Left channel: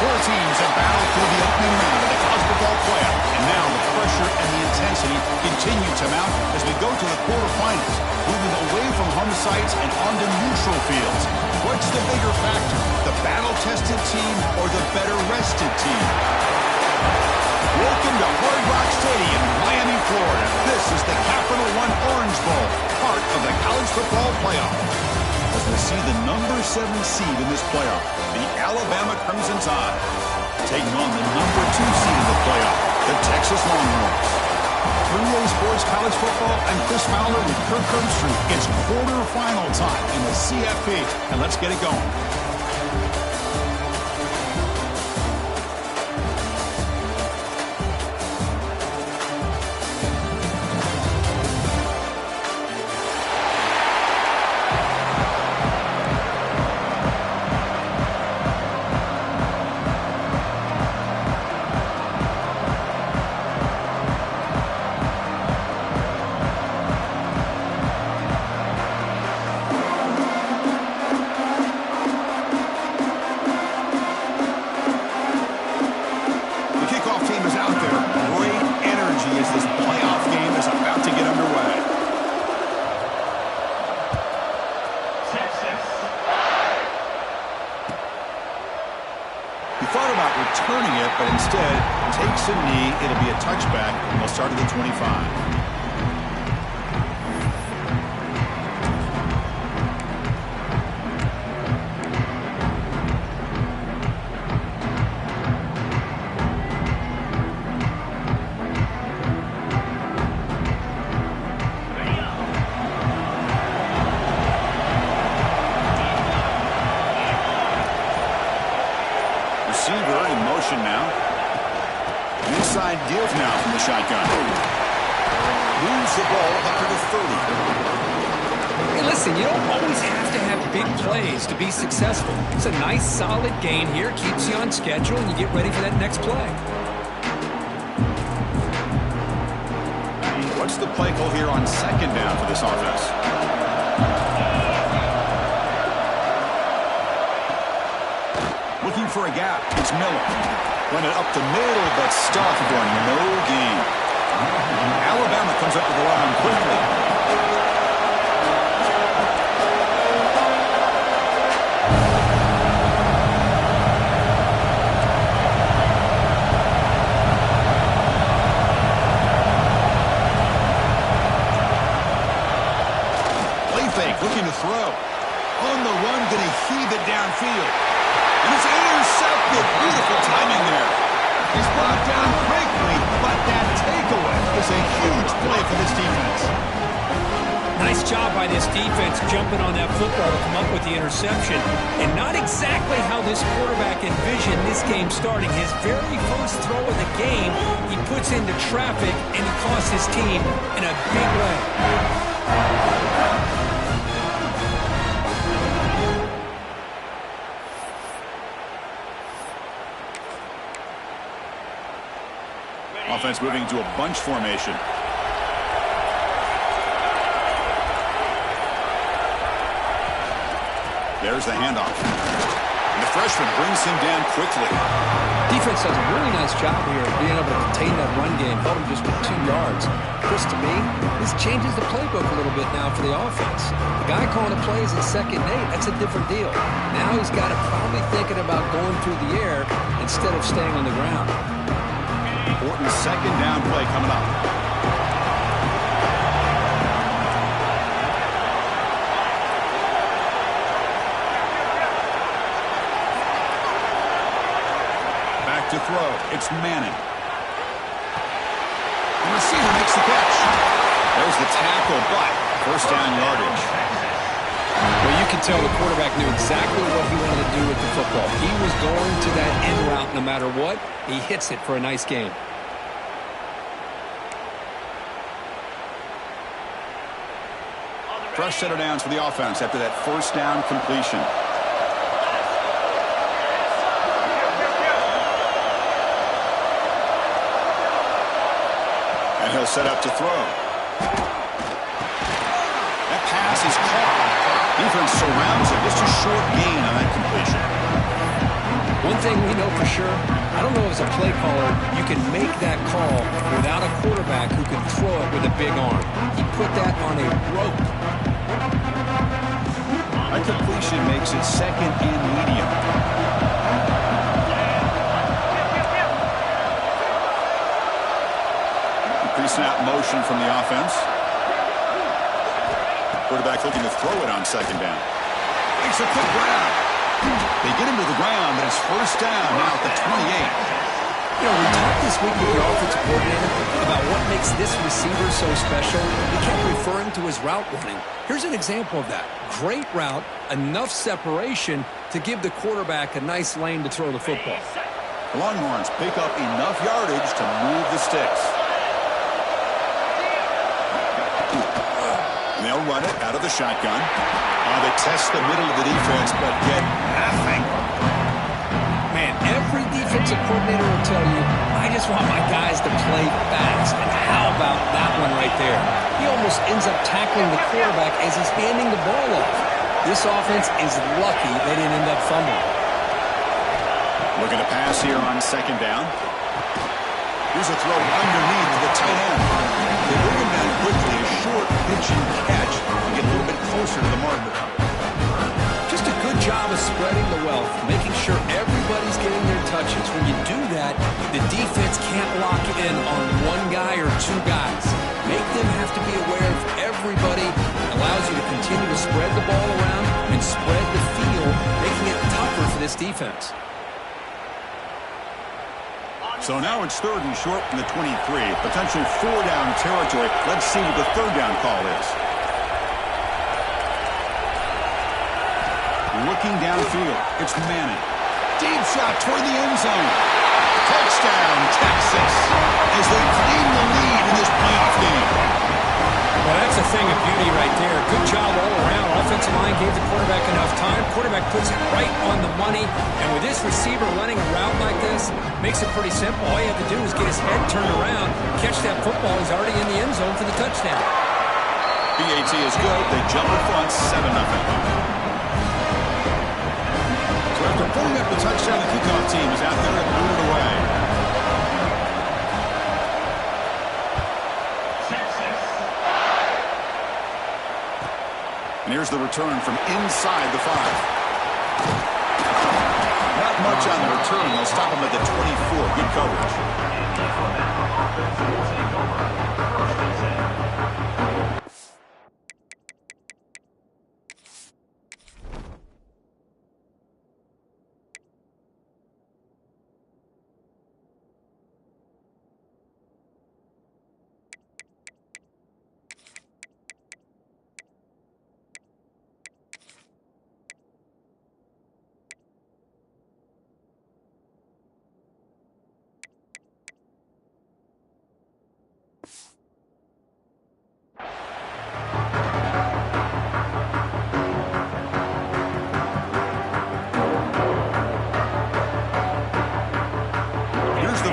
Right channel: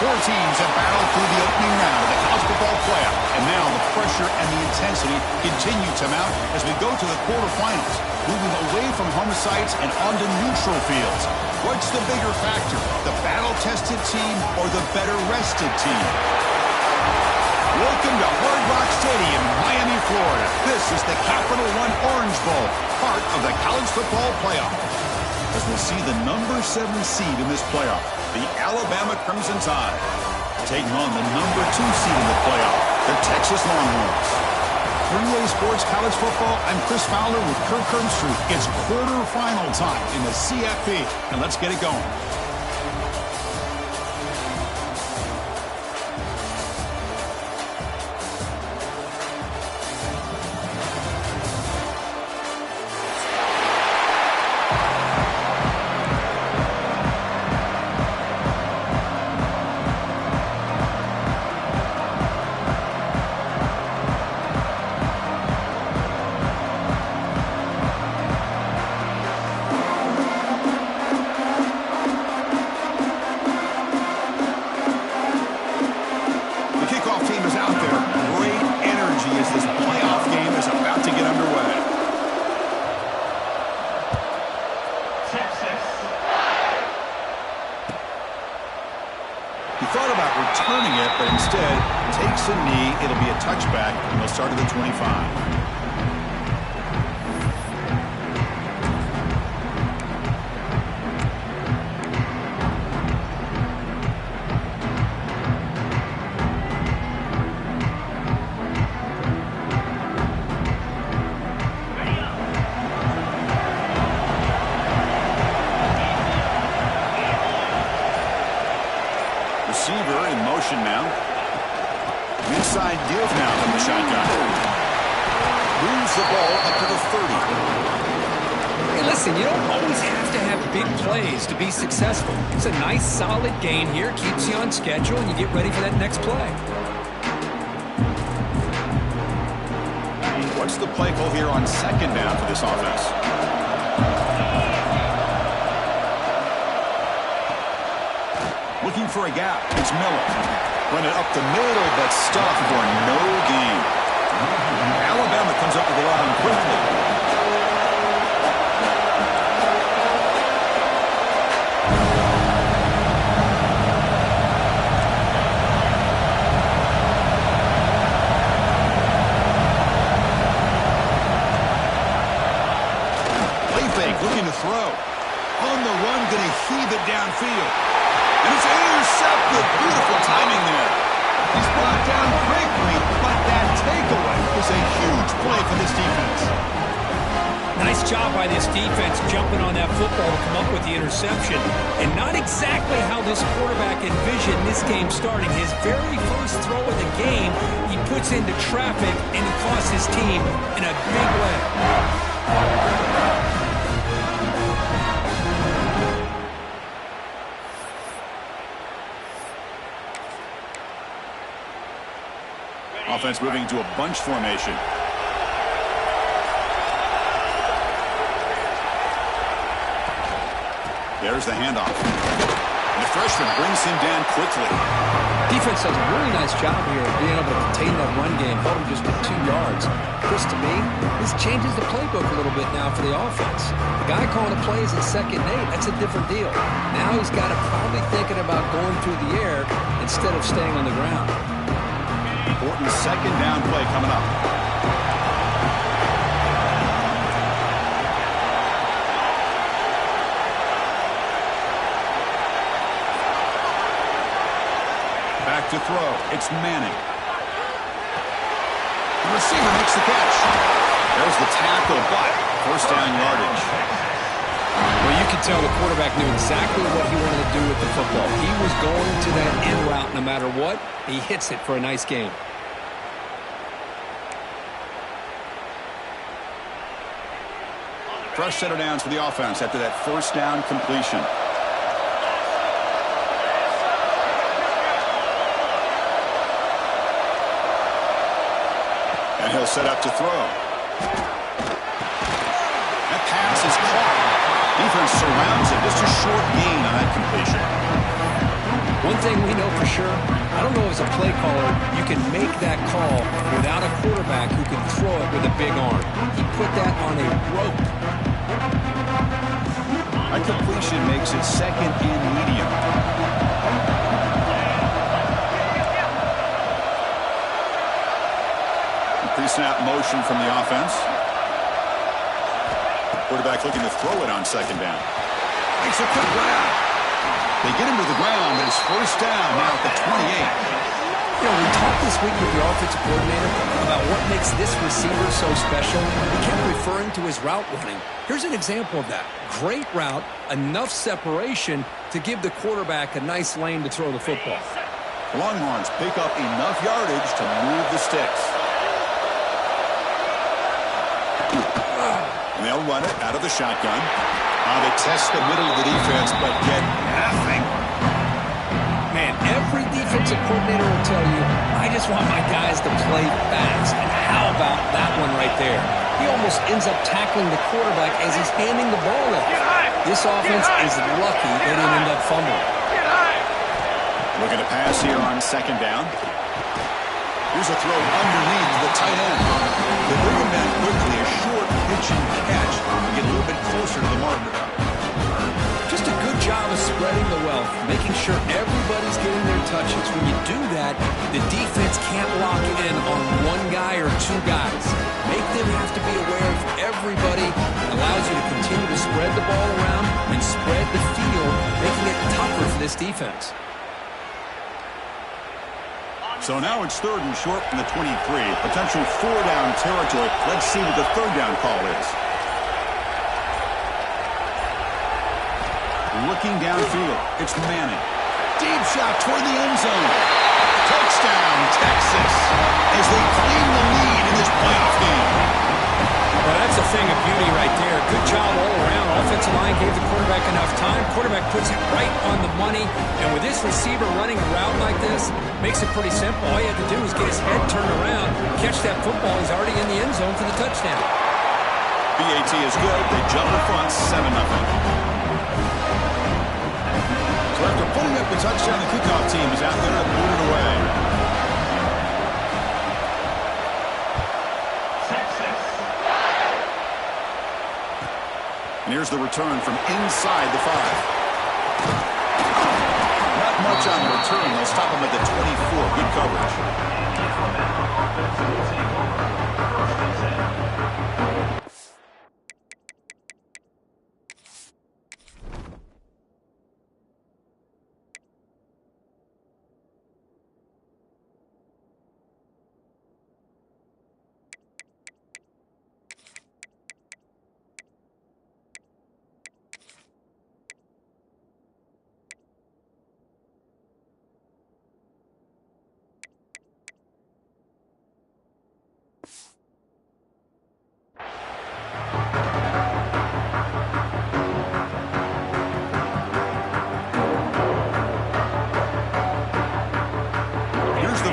Four teams have battled through the opening round of the college football playoff, and now the pressure and the intensity continue to mount as we go to the quarterfinals, moving away from home sites and onto neutral fields. What's the bigger factor, the battle-tested team or the better-rested team? Welcome to Hard Rock Stadium in Miami, Florida. This is the Capital One Orange Bowl, part of the college football playoff. As we'll see the number 7 seed in this playoff, the Alabama Crimson Tide, taking on the number 2 seed in the playoff, the Texas Longhorns. 3A Sports College Football, I'm Chris Fowler with Kirk Herbstreit. It's quarterfinal time in the CFP, and let's get it going. Returning it, but instead takes a knee. It'll be a touchback, and they'll start at the 25. Receiver in motion now. Inside deals now from the shotgun. Moves the ball up to the 30. Hey, listen, you don't always have to have big plays to be successful. It's a nice, solid gain here. Keeps you on schedule, and you get ready for that next play. What's the play call here on second down for this offense? Looking for a gap. It's Miller. Run it up the middle, but stuffed for no gain. Alabama comes up with the line quickly. Play fake, looking to throw. On the run, going to heave it downfield. And it's intercepted. Beautiful timing there. He's brought down quickly, but that takeaway is a huge play for this defense. Nice job by this defense jumping on that football to come up with the interception. And not exactly how this quarterback envisioned this game starting. His very first throw of the game, he puts into traffic, and he costs his team in a big way. Offense moving to a bunch formation. There's the handoff. And the freshman brings him down quickly. Defense does a really nice job here of being able to contain that run game. Held him just with 2 yards. Chris, to me, this changes the playbook a little bit now for the offense. The guy calling the plays in 2nd and 8, that's a different deal. Now he's got to probably thinking about going through the air instead of staying on the ground. Important second down play coming up. Back to throw. It's Manning. The receiver makes the catch. There's the tackle, but first down yardage. Well, you could tell the quarterback knew exactly what he wanted to do with the football. He was going to that end route no matter what. He hits it for a nice gain. Fresh set of downs for the offense after that first down completion. And he'll set up to throw. That pass is caught. Defense surrounds him. Just a short gain on that completion. One thing we know for sure, I don't know as a play caller, you can make that call without a quarterback who can throw it with a big arm. He put that on a rope. A completion makes it second and medium. Pre-snap motion from the offense. Quarterback looking to throw it on second down. Makes a quick grab. They get him to the ground, but it's first down now at the 28. You know, we talked this week with your offensive coordinator about what makes this receiver so special. He kept referring to his route running. Here's an example of that. Great route, enough separation to give the quarterback a nice lane to throw the football. The Longhorns pick up enough yardage to move the sticks. And they'll run it out of the shotgun. They test the middle of the defense, but get nothing. Man, every defensive coordinator will tell you, I just want my guys to play fast. And how about that one right there? He almost ends up tackling the quarterback as he's handing the ball off. This offense is lucky they didn't end up fumbling. Looking to pass here on second down. Here's a throw underneath the tight end. They bring him down quickly, a short pitch and catch to get a little bit closer to the marker. Just a good job of spreading the wealth, making sure everybody's getting their touches. When you do that, the defense can't lock in on one guy or two guys. Make them have to be aware of everybody. It allows you to continue to spread the ball around and spread the field, making it tougher for this defense. So now it's third and short from the 23. Potential four-down territory. Let's see what the third down call is. Looking downfield, it's Manning. Deep shot toward the end zone. Touchdown, Texas, as they claim the lead in this playoff game. Well, that's a thing of beauty right there. Good job all around. Offensive line gave the quarterback enough time. Quarterback puts it right on the money. And with this receiver running a route like this, makes it pretty simple. All you have to do is get his head turned around, catch that football. He's already in the end zone for the touchdown. BAT is good. They jump in front, 7-0. So after putting up the touchdown, the kickoff team is out there to boot it away. And here's the return from inside the 5. Not much on the return. They'll stop him at the 24. Good coverage.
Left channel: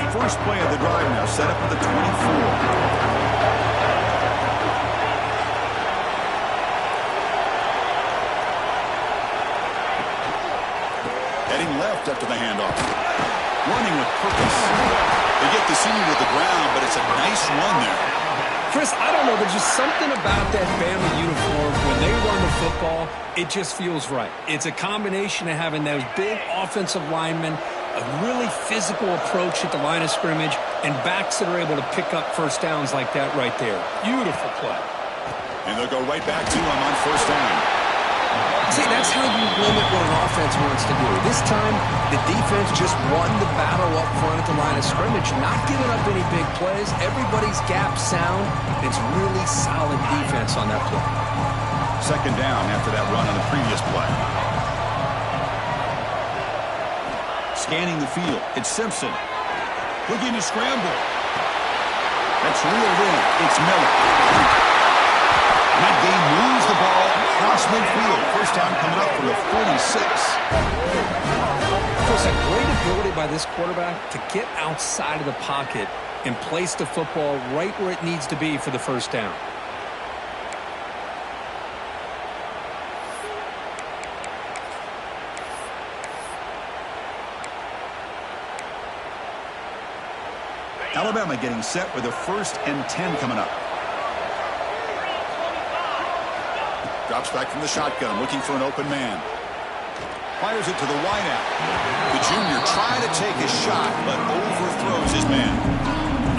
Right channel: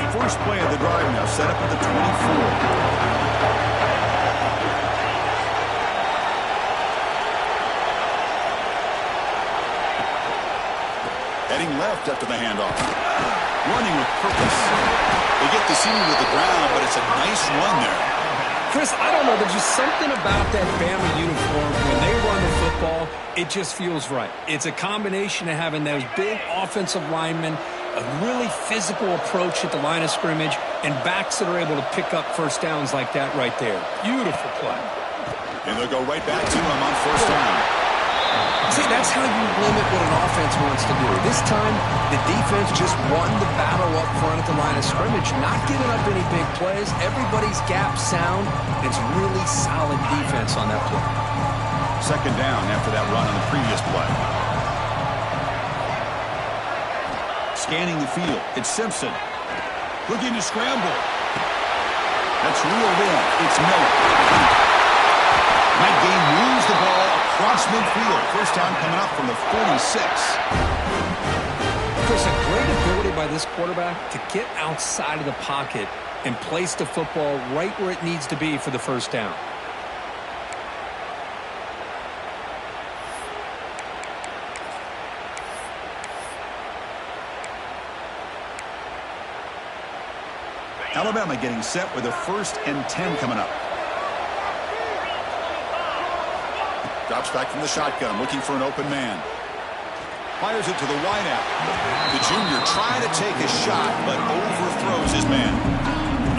First play of the drive now, set up at the 24. Heading left after the handoff. Running with purpose. They get the senior to the ground, but it's a nice run there. Chris, I don't know. There's just something about that Bama uniform. When they run the football, it just feels right. It's a combination of having those big offensive linemen, a really physical approach at the line of scrimmage, and backs that are able to pick up first downs like that right there. Beautiful play. And they'll go right back to him on first down. See, that's how you limit what an offense wants to do. This time, the defense just won the battle up front at the line of scrimmage, not giving up any big plays. Everybody's gap sound. It's really solid defense on that play. Second down after that run on the previous play. Scanning the field, it's Simpson. Looking to scramble. That's reeled in. It's Miller. And that game moves the ball across midfield. First down coming up from the 46. Chris, a great ability by this quarterback to get outside of the pocket and place the football right where it needs to be for the first down. Alabama getting set with a 1st and 10 coming up. Drops back from the shotgun, looking for an open man. Fires it to the wideout. The junior trying to take a shot, but overthrows his man.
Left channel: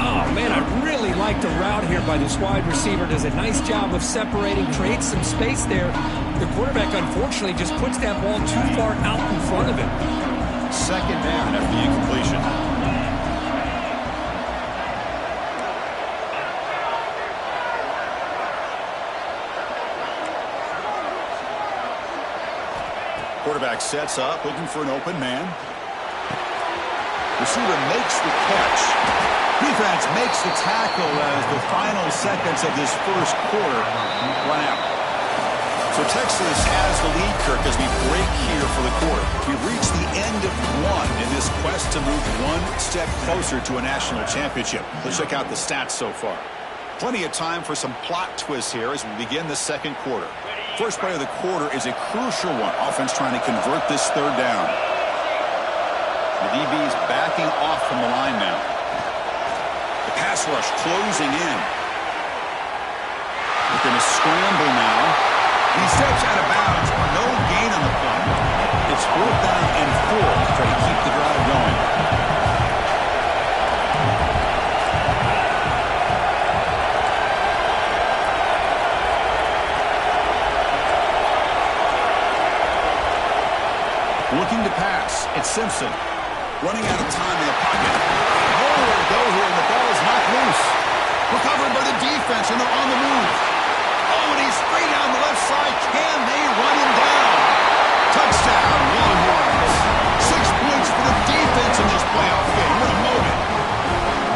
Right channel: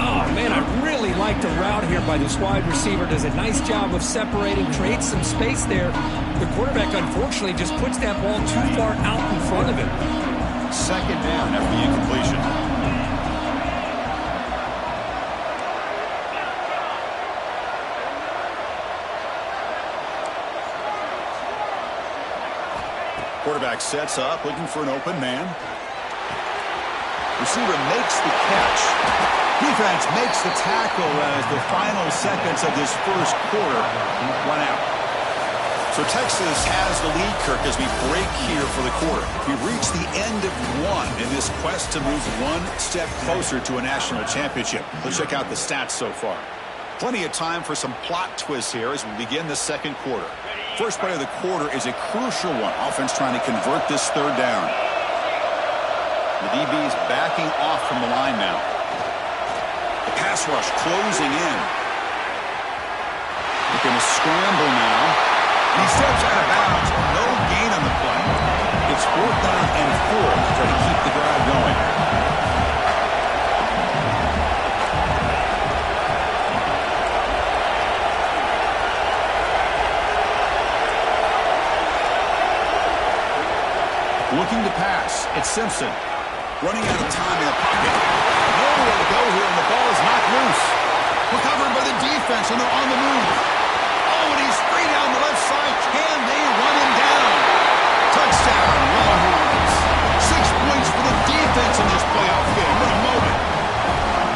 Oh, man, I really like the route here by this wide receiver. Does a nice job of separating, creates some space there. The quarterback, unfortunately, just puts that ball too far out in front of him. 2nd down after the incompletion. Quarterback sets up, looking for an open man. Receiver makes the catch. Defense makes the tackle as the final seconds of this 1st quarter run out. So Texas has the lead, Kirk, as we break here for the quarter. We've reached the end of 1 in this quest to move 1 step closer to a national championship. Let's check out the stats so far. Plenty of time for some plot twists here as we begin the 2nd quarter. First play of the quarter is a crucial one. Offense trying to convert this 3rd down. The DB's backing off from the line now. The pass rush closing in. Looking to scramble now. And he steps out of bounds. No gain on the play. It's 4th down and 4 to try to keep the drive going. Looking to pass. It's Simpson. Running out of time in the pocket. Nowhere to go here, and the ball is knocked loose. Recovered by the defense, and they're on the move. Oh, and he's free down the left side. Can they run him down? Touchdown, Longhorns. 6 points for the defense in this playoff game. What a moment.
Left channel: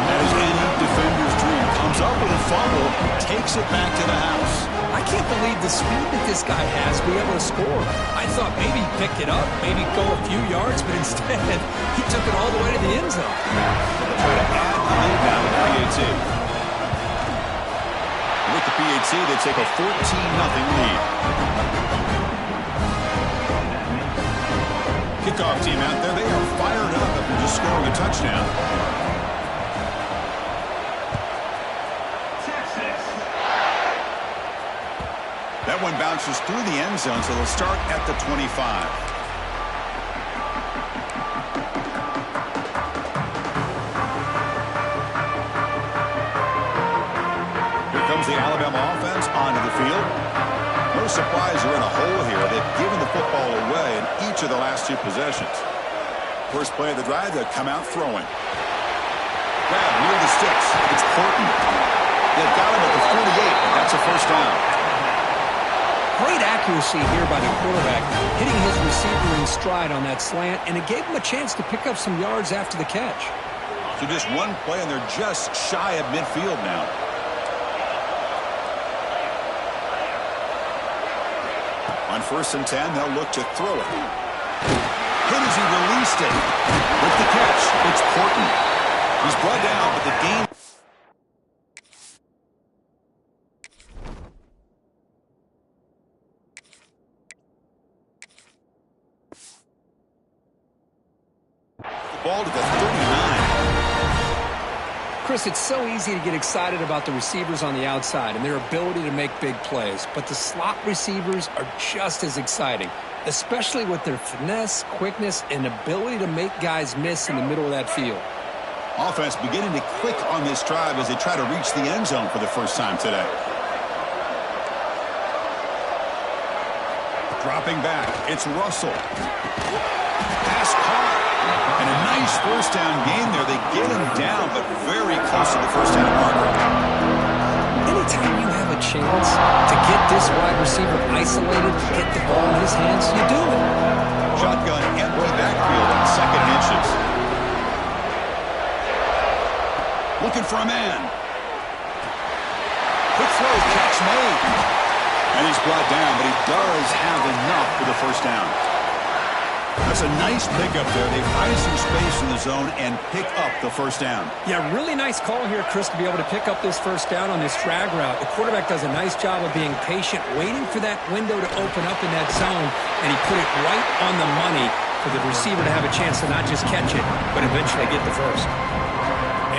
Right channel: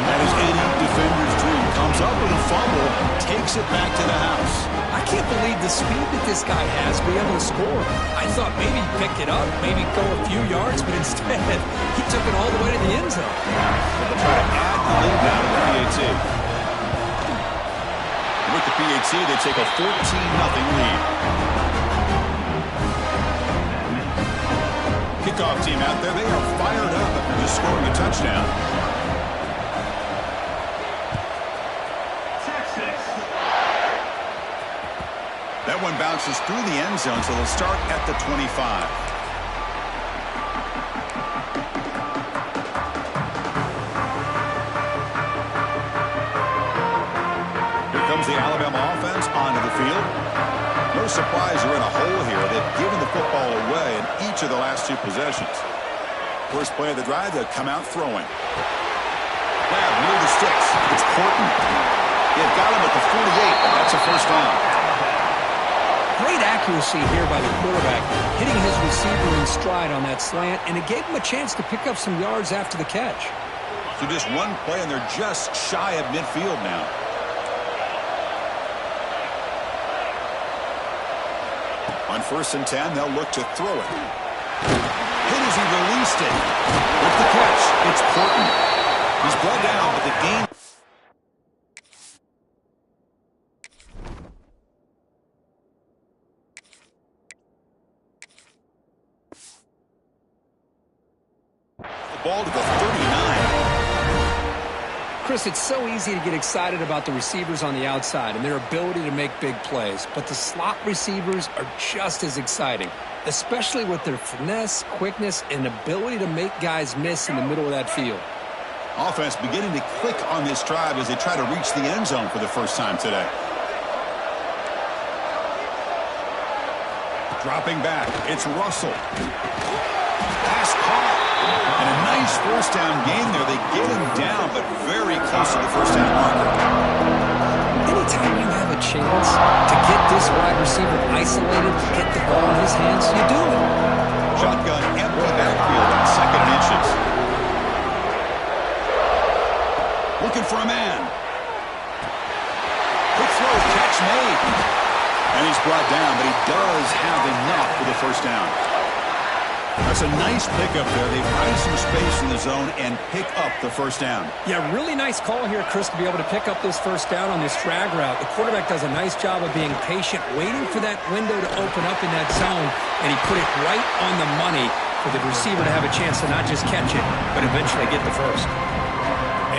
That is any defender's dream. Comes up with a fumble, takes it back to the house. I can't believe the speed that this guy has to be able to score. I thought maybe he'd pick it up, maybe go a few yards, but instead he took it all the way to the end zone. Well, they'll try to add the lead now with the PAT. And with the PAT, they take a 14-0 lead. Kickoff team out there, they are fired up after just scoring a touchdown. That one bounces through the end zone, so they'll start at the 25. Here comes the Alabama offense onto the field. No surprise they're in a hole here. They've given the football away in each of the last 2 possessions. First play of the drive, they'll come out throwing. Grab near the sticks. It's Horton. They've got him at the 48, but that's a 1st down. Great accuracy here by the quarterback, hitting his receiver in stride on that slant, and it gave him a chance to pick up some yards after the catch. So just 1 play, and they're just shy of midfield now. On 1st and 10, they'll look to throw it. Hit as he released it. With the catch, it's Horton. He's brought down, but the game... Ball to the 39. Chris, it's so easy to get excited about the receivers on the outside and their ability to make big plays, but the slot receivers are just as exciting, especially with their finesse, quickness, and ability to make guys miss in the middle of that field. Offense beginning to click on this drive as they try to reach the end zone for the first time today. Dropping back, it's Russell. Pass caught. And a nice 1st down gain there. They get him down, but very close to the 1st down marker. Anytime you have a chance to get this wide receiver isolated, to get the ball in his hands, you do it. Shotgun, empty backfield on 2nd and inches. Looking for a man. Quick throw, catch made. And he's brought down, but he does have enough for the 1st down. That's a nice pickup there. They find some space in the zone and pick up the 1st down. Yeah, really nice call here, Chris, to be able to pick up this 1st down on this drag route. The quarterback does a nice job of being patient, waiting for that window to open up in that zone, and he put it right on the money for the receiver to have a chance to not just catch it, but eventually get the 1st.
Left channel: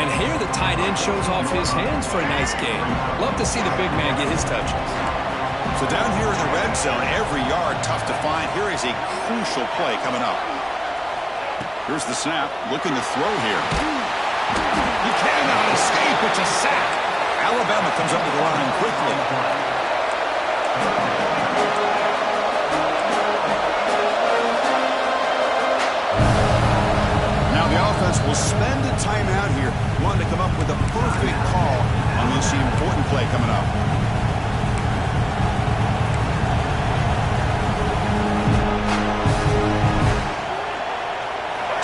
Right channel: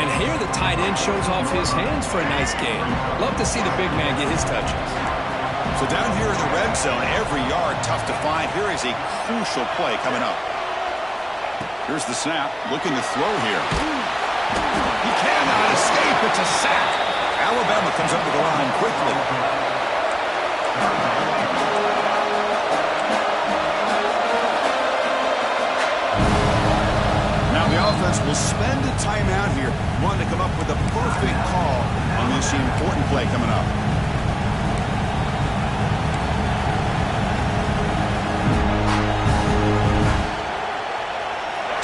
And here the tight end shows off his hands for a nice gain. Love to see the big man get his touches. So down here in the red zone, every yard tough to find. Here is a crucial play coming up. Here's the snap, looking to throw here. He cannot escape. It's a sack. Alabama comes up to the line quickly. Now the offense will spend a timeout here, wanting to come up with a perfect call on this important play coming up.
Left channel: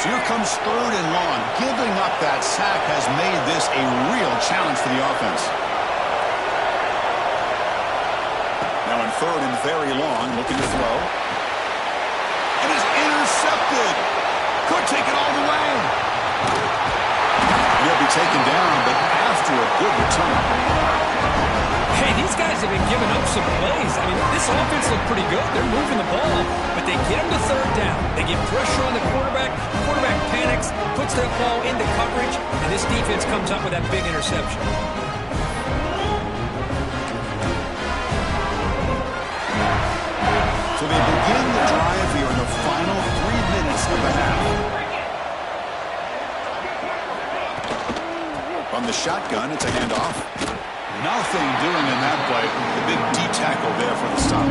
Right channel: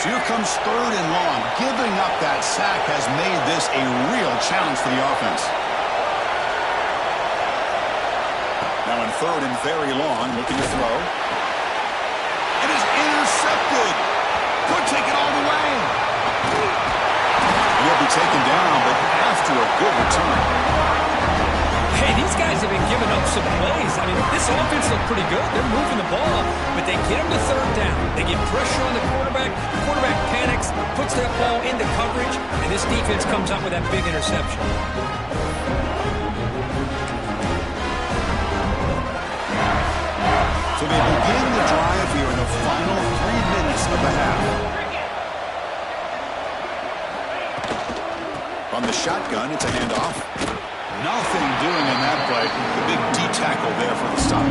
So here comes 3rd and long. Giving up that sack has made this a real challenge for the offense. Now in 3rd and very long, looking to throw. And is intercepted. Could take it all the way. And he'll be taken down, but after a good return. Hey, these guys have been giving up some plays. I mean, this offense looked pretty good. They're moving the ball, but they get them to 3rd down. They get pressure on the quarterback. The quarterback panics, puts that ball into coverage, and this defense comes up with that big interception. So they begin the drive here in the final 3 minutes of the half. From the shotgun, it's a handoff. Nothing doing in that play. The big D-tackle there for the stop.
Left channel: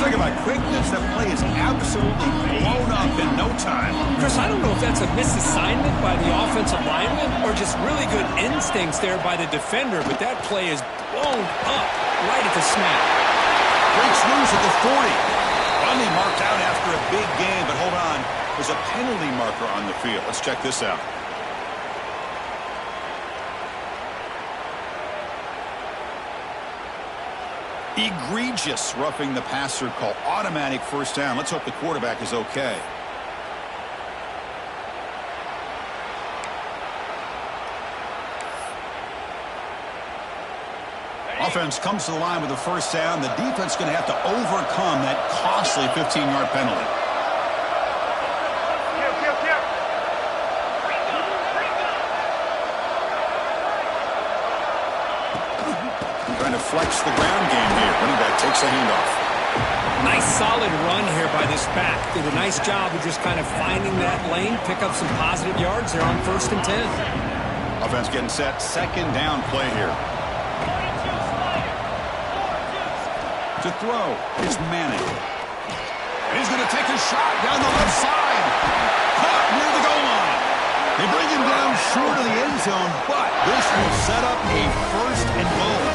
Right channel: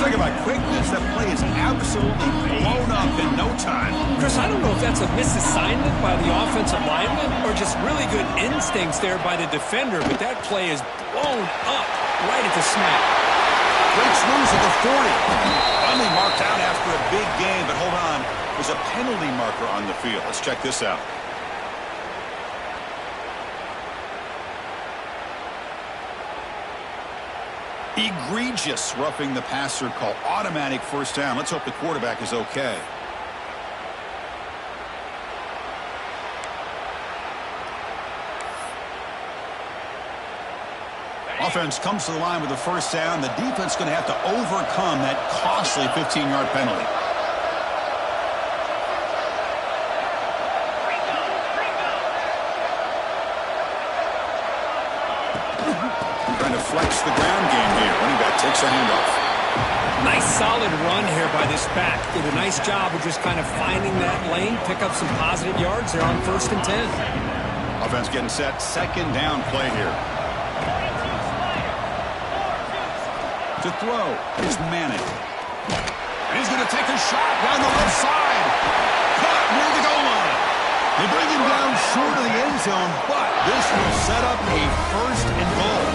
Talk about quickness. That play is absolutely blown up in no time. Chris, I don't know if that's a misassignment by the offensive lineman or just really good instincts there by the defender, but that play is blown up right at the snap. Breaks loose at the 40. Finally marked out after a big game, but hold on. There's a penalty marker on the field. Let's check this out. Egregious roughing the passer call. Automatic 1st down. Let's hope the quarterback is okay. Offense comes to the line with the 1st down. The defense is going to have to overcome that costly 15-yard penalty. Trying to flex the ground game here. Running back takes a handoff. Nice solid run here by this back. Did a nice job of just kind of finding that lane, pick up some positive yards there on 1st and 10. Offense getting set. 2nd down play here. To throw, it's Manning. And he's going to take a shot down the left side. Caught near the goal line. They bring him down short of the end zone, but this will set up a 1st and goal.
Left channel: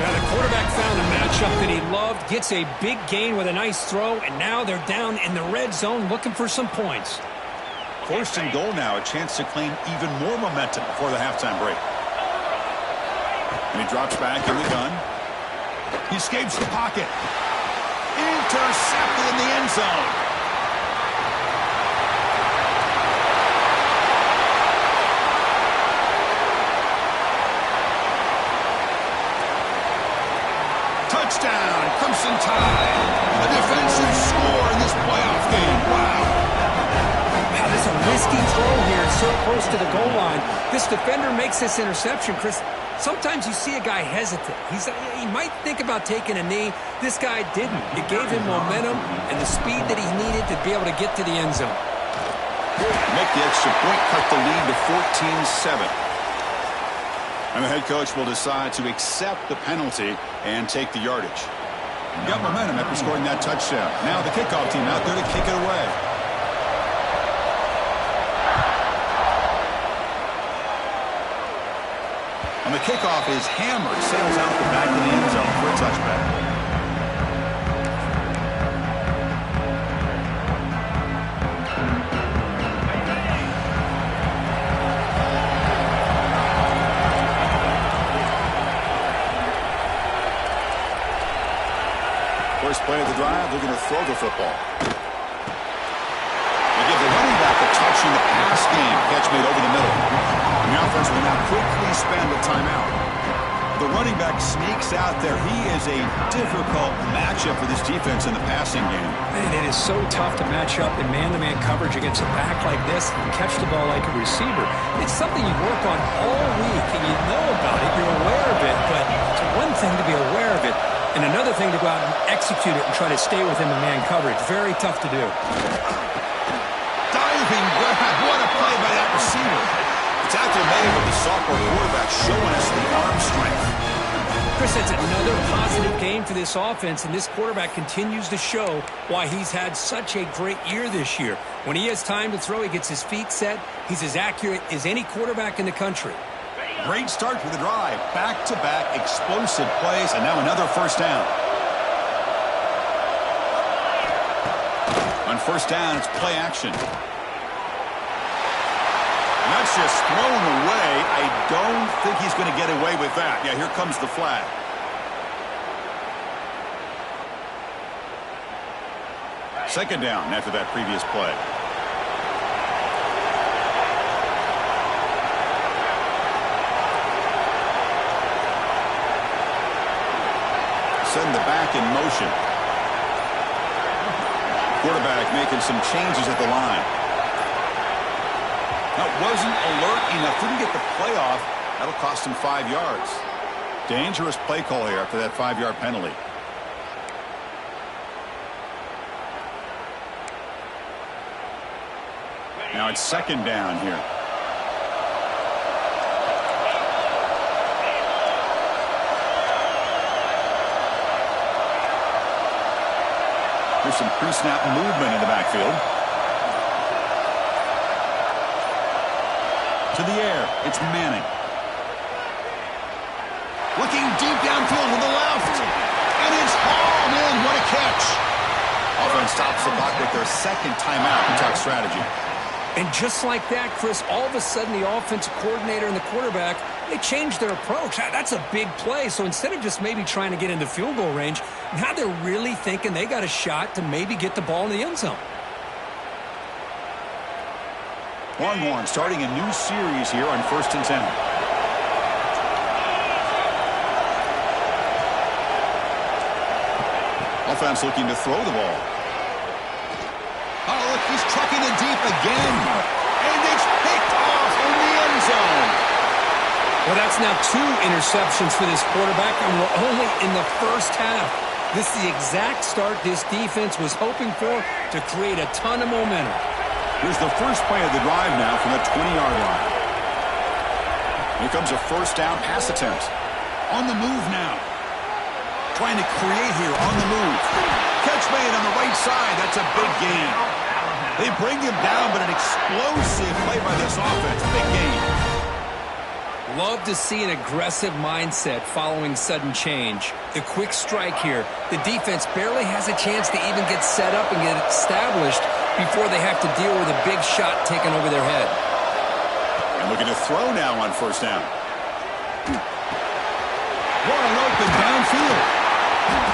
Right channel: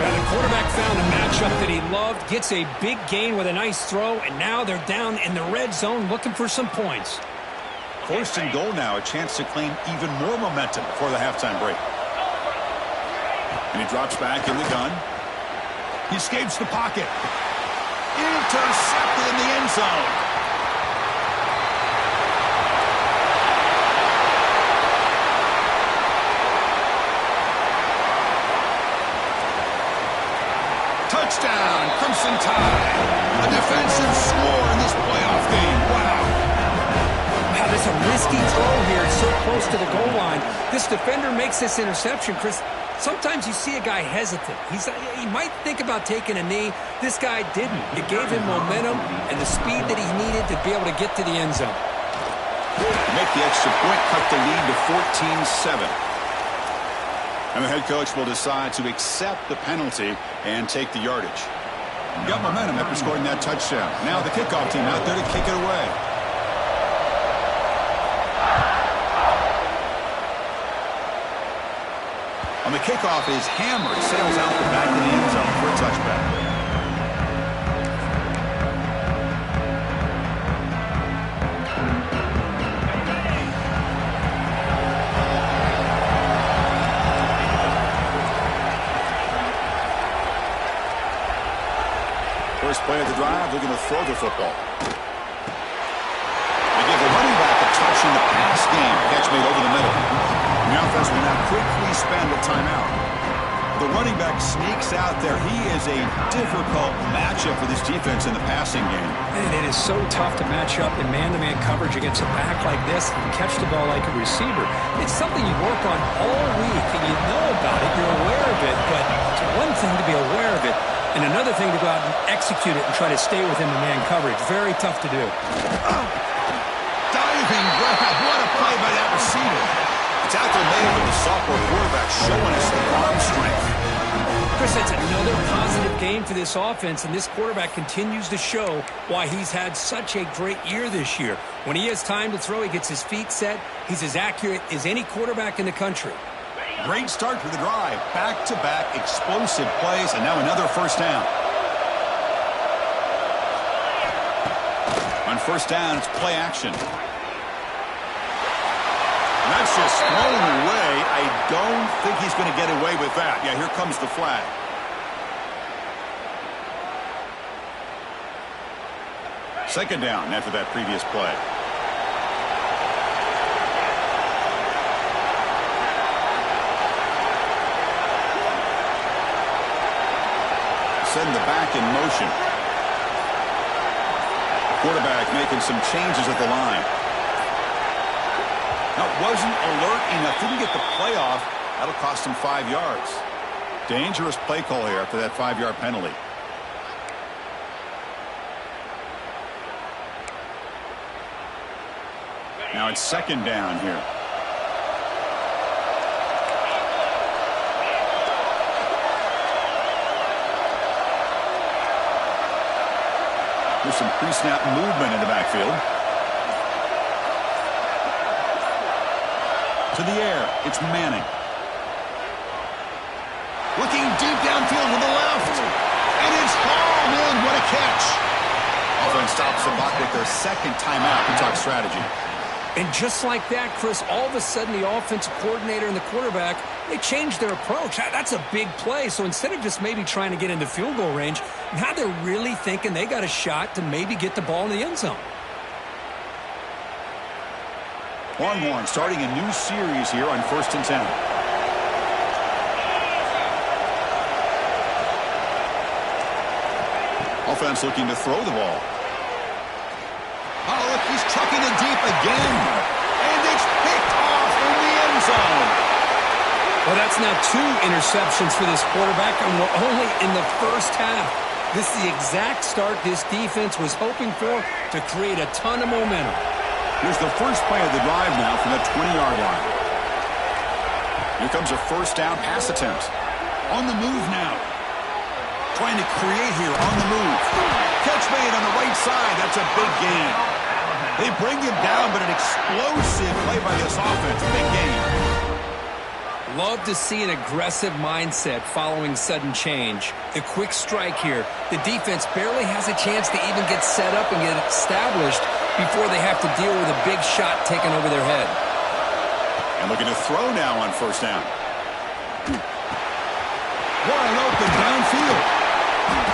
Now the quarterback found a matchup that he loved, gets a big gain with a nice throw, and now they're down in the red zone looking for some points. 1st and goal now, a chance to claim even more momentum before the halftime break. And he drops back in the gun. He escapes the pocket. Intercepted in the end zone. Touchdown, Crimson Tide. A defensive score in this playoff game. Wow. Wow, this is a risky throw here. It's so close to the goal line. This defender makes this interception, Chris. Sometimes you see a guy hesitant. He might think about taking a knee. This guy didn't. It gave him momentum and the speed that he needed to be able to get to the end zone. Make the extra point, cut the lead to 14-7. And the head coach will decide to accept the penalty and take the yardage. Got momentum after scoring that touchdown. Now the kickoff team out there to kick it away. On the kickoff is hammered, sails out the back of the end zone for a touchback. First play of the drive, looking to throw the football. They give the running back a touch in the pass game. Catch made over the middle. And the offense will now quickly spend a timeout. The running back sneaks out there. He is a difficult matchup for this defense in the passing game. And it is so tough to match up in man-to-man coverage against a back like this and catch the ball like a receiver. It's something you work on all week, and you know about it. You're aware of it, but it's one thing to be aware of it, and another thing to go out and execute it and try to stay within the man coverage. Very tough to do. Diving grab. What a play by that receiver. The tackle made with the sophomore quarterback showing us the arm strength. Chris, that's another positive game for this offense, and this quarterback continues to show why he's had such a great year this year. When he has time to throw, he gets his feet set. He's as accurate as any quarterback in the country. Great start to the drive. Back-to-back explosive plays, and now another first down. On first down, it's play action. And that's just thrown away. I don't think he's going to get away with that. Yeah, here comes the flag. Second down after that previous play. Send the back in motion. Quarterback making some changes at the line. Now, wasn't alert enough. Didn't get the play off. That'll cost him 5 yards. Dangerous play call here after that 5-yard penalty. Now it's second down here. There's some pre-snap movement in the backfield. To the air, it's Manning. Looking deep downfield with the left. And it's hauled in. What a catch. Offense stops the clock with their second timeout to talk strategy. And just like that, Chris, all of a sudden the offensive coordinator and the quarterback, they changed their approach. That's a big play. So instead of just maybe trying to get into field goal range, now they're really thinking they got a shot to maybe get the ball in the end zone. Longhorn starting a new series here on 1st and 10. Offense looking to throw the ball. Oh, look, he's trucking it deep again. And it's picked off in the end zone. Well, that's now 2 interceptions for this quarterback, and we're only in the first half. This is the exact start this defense was hoping for to create a ton of momentum. Here's the first play of the drive now from the 20-yard line. Here comes a first down pass attempt. On the move now. Trying to create here on the move. Catch made on the right side. That's a big gain. They bring him down, but an explosive play by this offense. Big gain. Love to see an aggressive mindset following sudden change. The quick strike here. The defense barely has a chance to even get set up and get established before they have to deal with a big shot taken over their head. And looking to throw now on first down. Wide open downfield.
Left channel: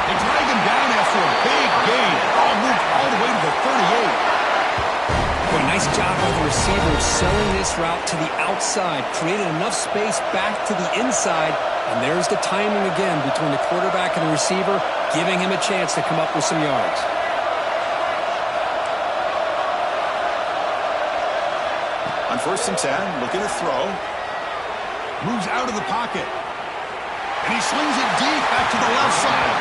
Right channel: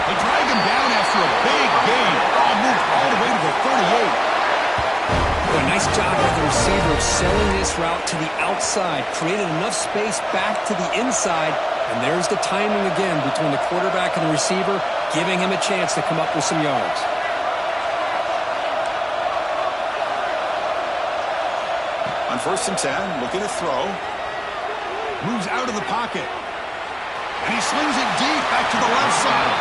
They drag him down after a big gain. Ball moved all the way to the 38. Boy, nice job by the receiver of selling this route to the outside. Created enough space back to the inside. And there's the timing again between the quarterback and the receiver, giving him a chance to come up with some yards. On 1st and 10, looking to throw. Moves out of the pocket. And he slings it deep back to the left side.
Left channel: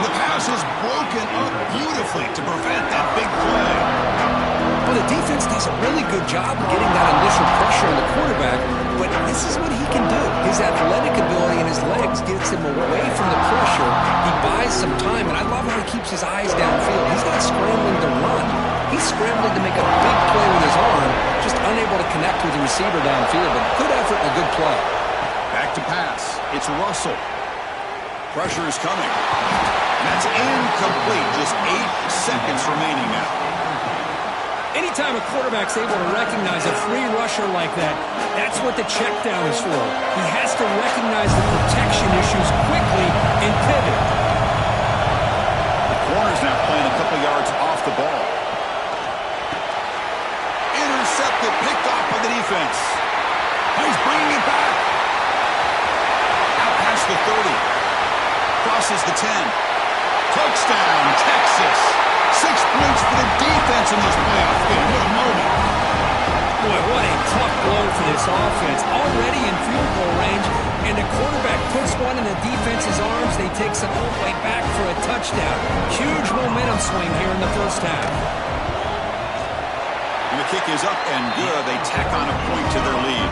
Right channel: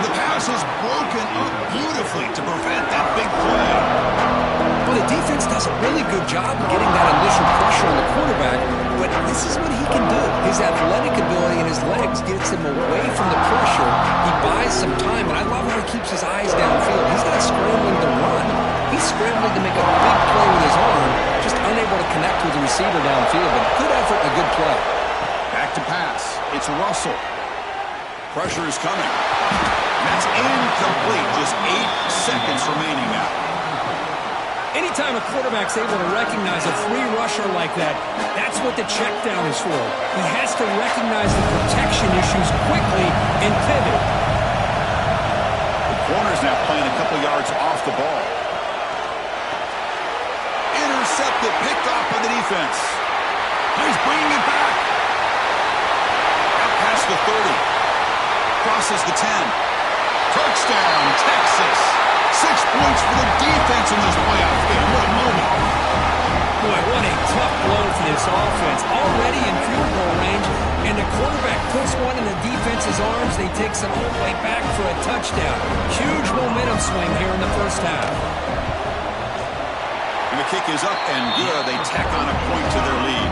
And the pass is broken up beautifully to prevent that big play. Well, the defense does a really good job of getting that initial pressure on the quarterback, but this is what he can do. His athletic ability and his legs gets him away from the pressure. He buys some time, and I love how he keeps his eyes downfield. He's not scrambling to run. He's scrambling to make a big play with his arm, just unable to connect with the receiver downfield, but good effort and a good play. Back to pass. It's Russell. Pressure is coming. And that's incomplete. Just 8 seconds remaining now. Anytime a quarterback's able to recognize a free rusher like that, that's what the check down is for. He has to recognize the protection issues quickly and pivot. The corner's now playing a couple yards off the ball. Intercepted, picked off by the defense. He's bringing it back. Now past the 30. Crosses the 10. Touchdown, Texas. 6 points for the defense in this playoff game. What a moment. Boy, what a tough blow for this offense. Already in field goal range, and the quarterback puts one in the defense's arms. They takes it all the way back for a touchdown. Huge momentum swing here in the first half. And the kick is up and good. They tack on a point to their lead.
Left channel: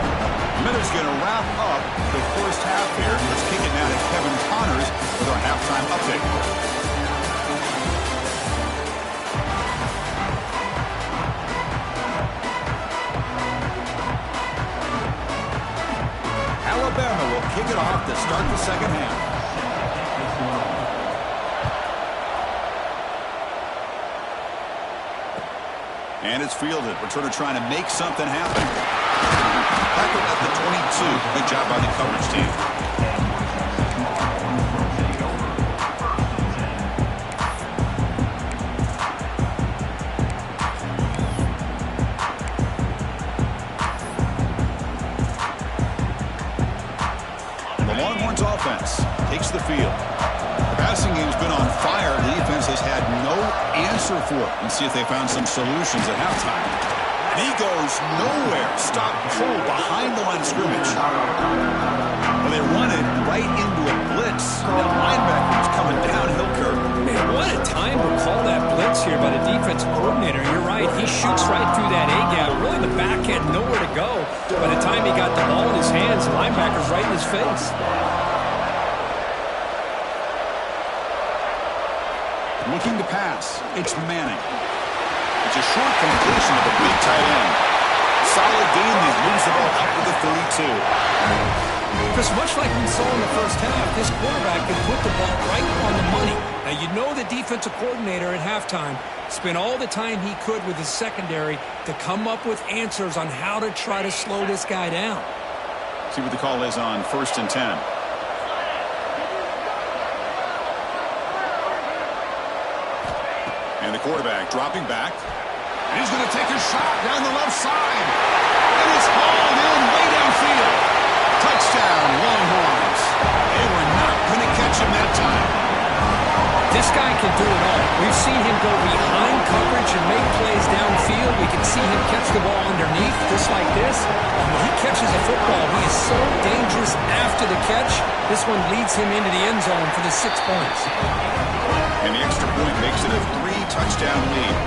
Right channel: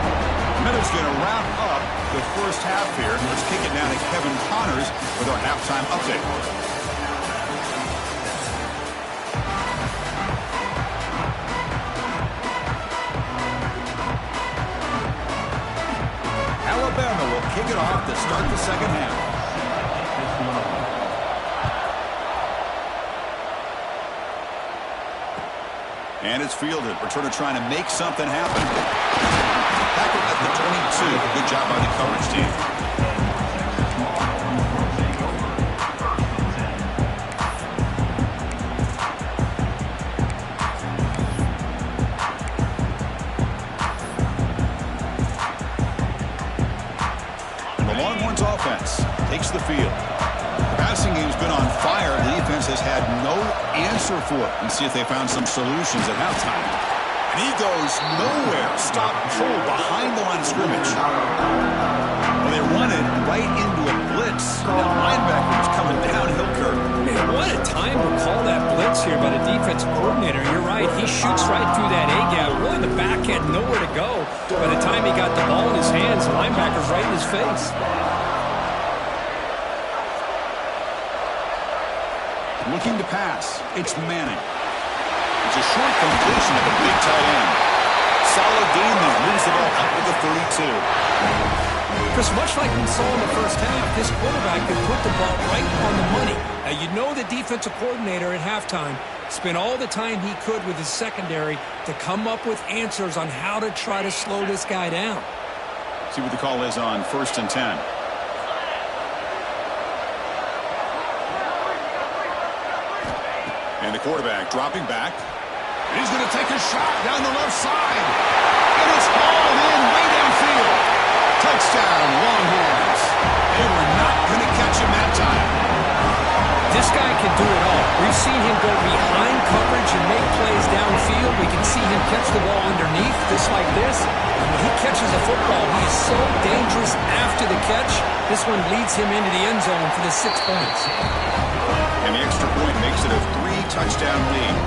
Miller's going to wrap up the first half here. Let's kick it now to Kevin Connors with our halftime update. Alabama will kick it off to start the second half. And it's fielded. Returner trying to make something happen. Tackled at the 22. Good job by the coverage team. The Longhorns offense takes the field. The passing game's been on fire. The defense has had no answer for it. Let's see if they found some solutions at halftime. And he goes nowhere. Stopped cold behind the line of scrimmage. Well, they run it right into a blitz. That linebacker was coming downhill, Kirk. Man, what a time to call that blitz here by the defensive coordinator. You're right. He shoots right through that A-gap. Really, the back had nowhere to go. By the time he got the ball in his hands, the linebacker's right in his face. Looking to pass. It's Manning. It's a short completion of the big tight end. Solid gain there. Moves the ball up to the 32. Chris, much like we saw in the first half, this quarterback could put the ball right on the money. Now, you know the defensive coordinator at halftime spent all the time he could with his secondary to come up with answers on how to try to slow this guy down. See what the call is on 1st and 10. And the quarterback dropping back. And he's going to take a shot down the left side. And it's hauled in way downfield. Touchdown, Longhorns. They were not going to catch him that time. This guy can do it all. We've seen him go behind coverage and make plays downfield. We can see him catch the ball underneath, just like this. And when he catches a football, he is so dangerous after the catch. This one leads him into the end zone for the 6 points. And the extra point makes it a 3-touchdown lead.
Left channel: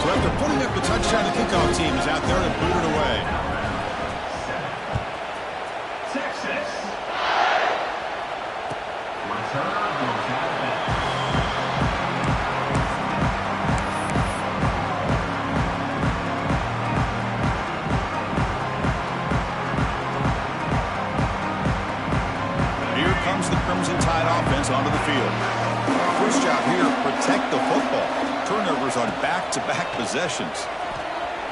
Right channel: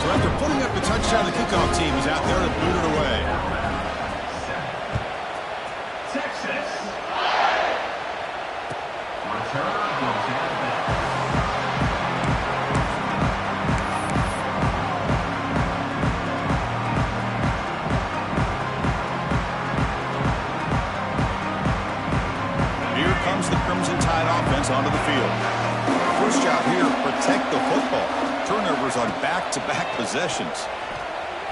So after putting up the touchdown, the kickoff team is out there to boot it away. Texas. Return goes out of bounds. Here comes the Crimson Tide offense onto the field. First job here, protect the football. Turnovers on back-to-back possessions.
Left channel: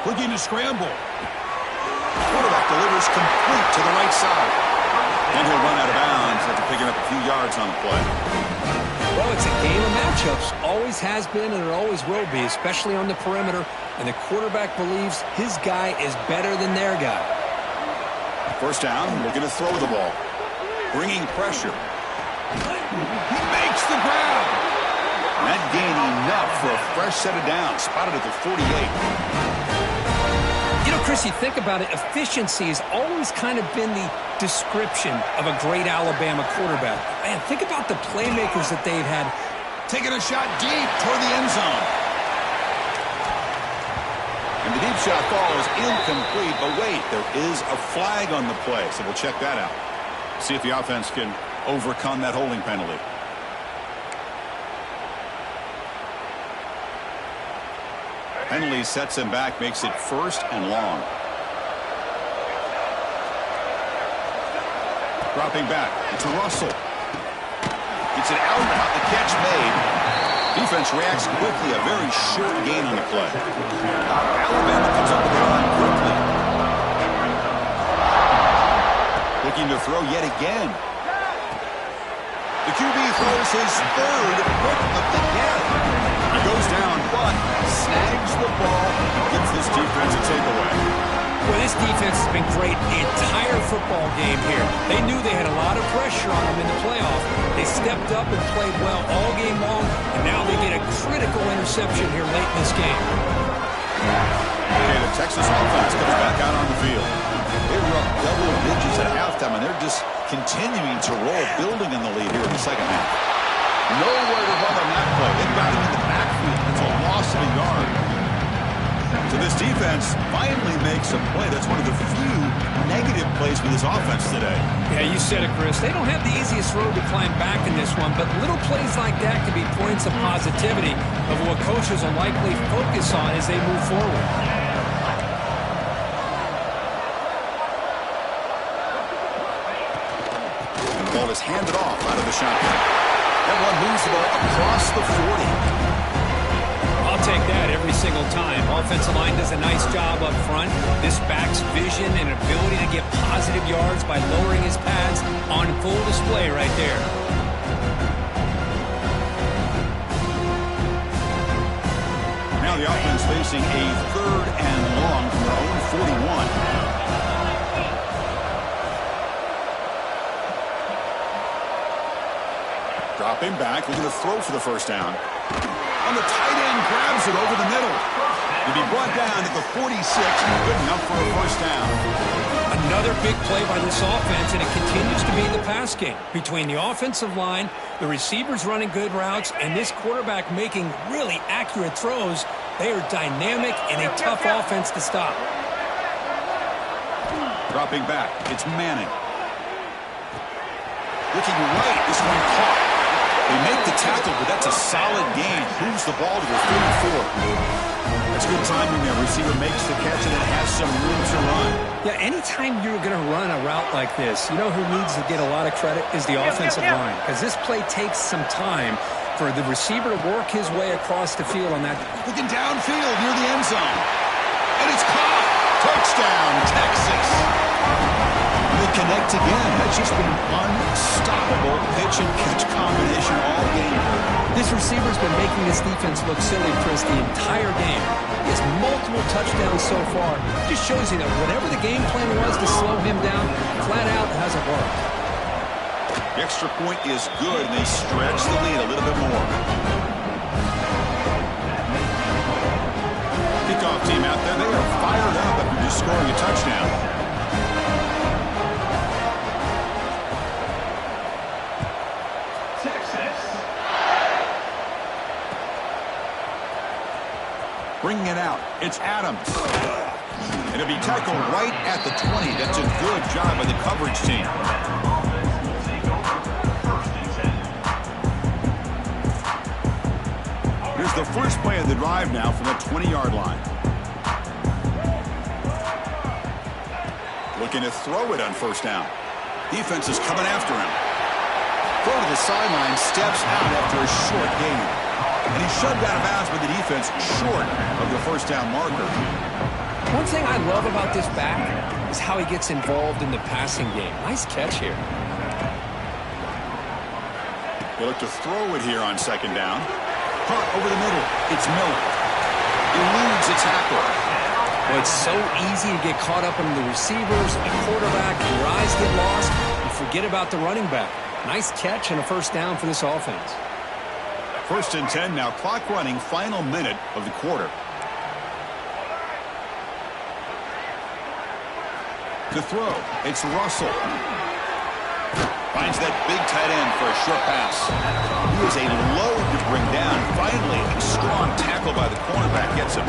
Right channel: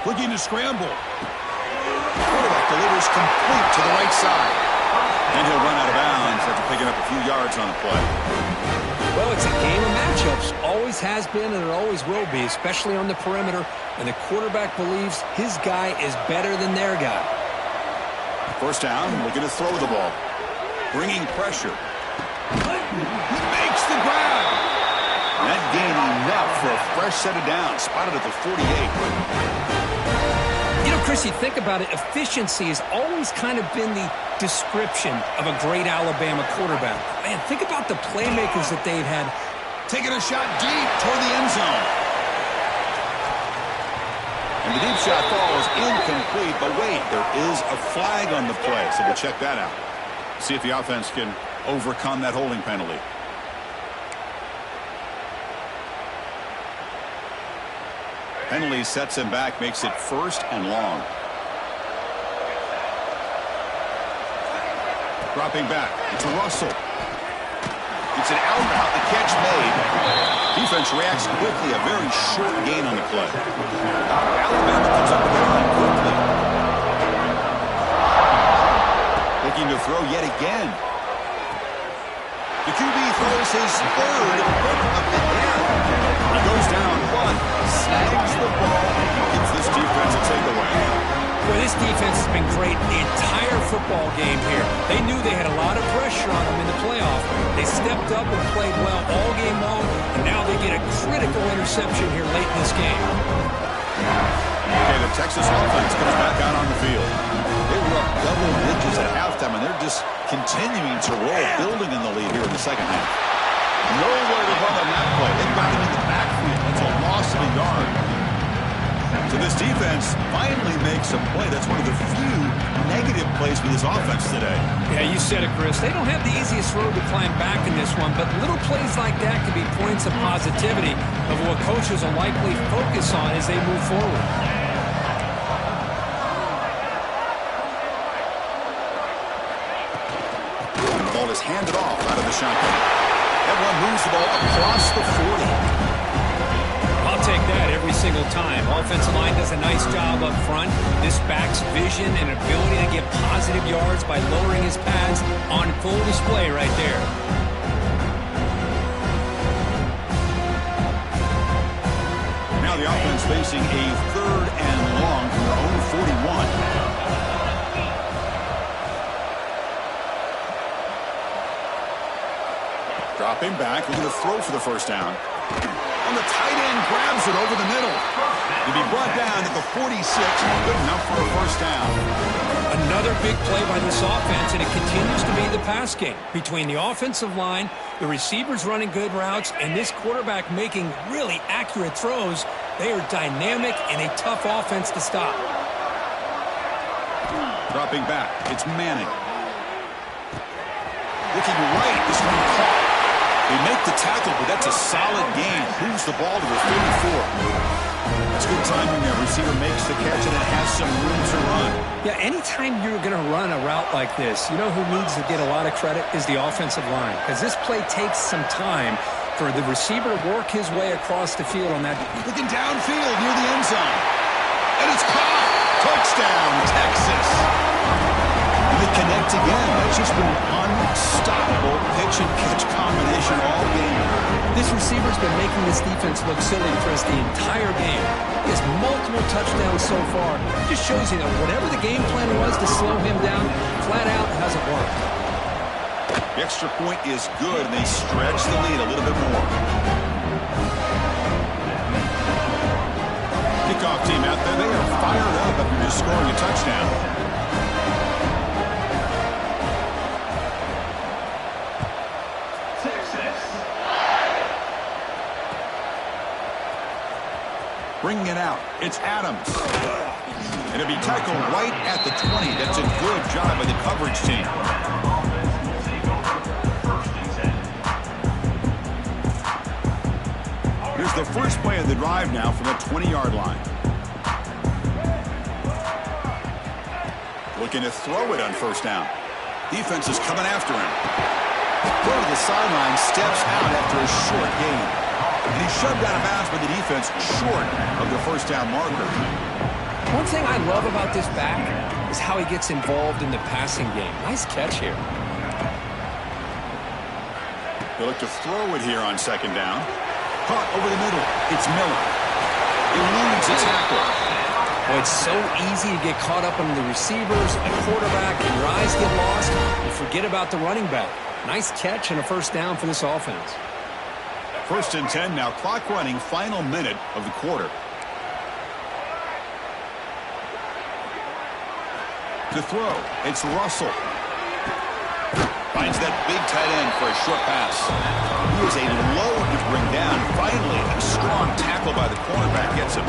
Looking to scramble. Quarterback delivers complete to the right side. And he'll run out of bounds after picking up a few yards on the play. Well, it's a game of matchups. Always has been and it always will be, especially on the perimeter. And the quarterback believes his guy is better than their guy. First down, looking to throw the ball. Bringing pressure. He makes the grab. That gain enough for a fresh set of downs. Spotted at the 48. You know, Chris, you think about it, efficiency has always kind of been the description of a great Alabama quarterback. Man, think about the playmakers that they've had. Taking a shot deep toward the end zone. And the deep shot falls incomplete. But wait, there is a flag on the play, so we'll check that out. See if the offense can overcome that holding penalty. Penalty sets him back, makes it 1st and long. Dropping back, it's Russell. It's an out route, the catch made. Defense reacts quickly, a very short gain on the play. Alabama comes up with the line quickly. Looking to throw yet again. The QB throws his 3rd pick of the day. He goes down, but snags the ball and gives this defense a takeaway. Well, this defense has been great the entire football game here. They knew they had a lot of pressure on them in the playoff. They stepped up and played well all game long, and now they get a critical interception here late in this game. Okay, the Texas offense comes back out on the field. They were up double digits at halftime, and they're just continuing to roll, building in the lead here in the second half. Nowhere to run on that play. They've got him in the backfield. That's a loss of a yard. So this defense finally makes a play. That's one of the few negative plays for this offense today. Yeah, you said it, Chris. They don't have the easiest road to climb back in this one, but little plays like that can be points of positivity of what coaches will likely focus on as they move forward. The ball is handed off out of the shotgun. Everyone moves the ball across the 40. I'll take that every single time. Offensive line does a nice job up front. This back's vision and ability to get positive yards by lowering his pads on full display right there. Now the offense facing a 3rd and long from their own 41. Dropping back, looking to throw for the first down. And the tight end grabs it over the middle. To be brought down at the 46, good enough for a first down. Another big play by this offense, and it continues to be the pass game. Between the offensive line, the receivers running good routes, and this quarterback making really accurate throws, they are dynamic and a tough offense to stop. Dropping back, it's Manning. Looking right, this one caught. They make the tackle, but that's a solid gain. Moves the ball to the 34. That's good timing there. Receiver makes the catch and it has some room to run. Yeah, anytime you're going to run a route like this, you know who needs to get a lot of credit is the offensive line. Because this play takes some time for the receiver to work his way across the field on that. Looking downfield near the end zone. And it's caught. Touchdown, Texas. And they connect again. That's just been an unstoppable pitch and catch combination all game. This receiver's been making this defense look silly, Chris, the entire game. He has multiple touchdowns so far. Just shows you that whatever the game plan was to slow him down, flat out hasn't worked. The extra point is good, and they stretch the lead a little bit more. Kickoff team out there, they are fired up after just scoring a touchdown. Bringing it out, it's Adams. And it'll be tackled right at the 20. That's a good job by the coverage team. Here's the first play of the drive now from the 20-yard line. Looking to throw it on first down. Defense is coming after him. Throw to the sideline, steps out after a short gain. And he's shoved out of bounds by the defense short of the first down marker. One thing I love about this back is how he gets involved in the passing game. Nice catch here. They look to throw it here on second down. Caught over the middle. It's Miller. Eludes a tackle. Well, it's so easy to get caught up in the receivers, the quarterback, and your eyes get lost. You forget about the running back. Nice catch and a first down for this offense. 1st and 10 now. Clock running. Final minute of the quarter. To throw, it's Russell. Finds that big tight end for a short pass. He is a load to bring down. Finally, a strong tackle by the cornerback gets him.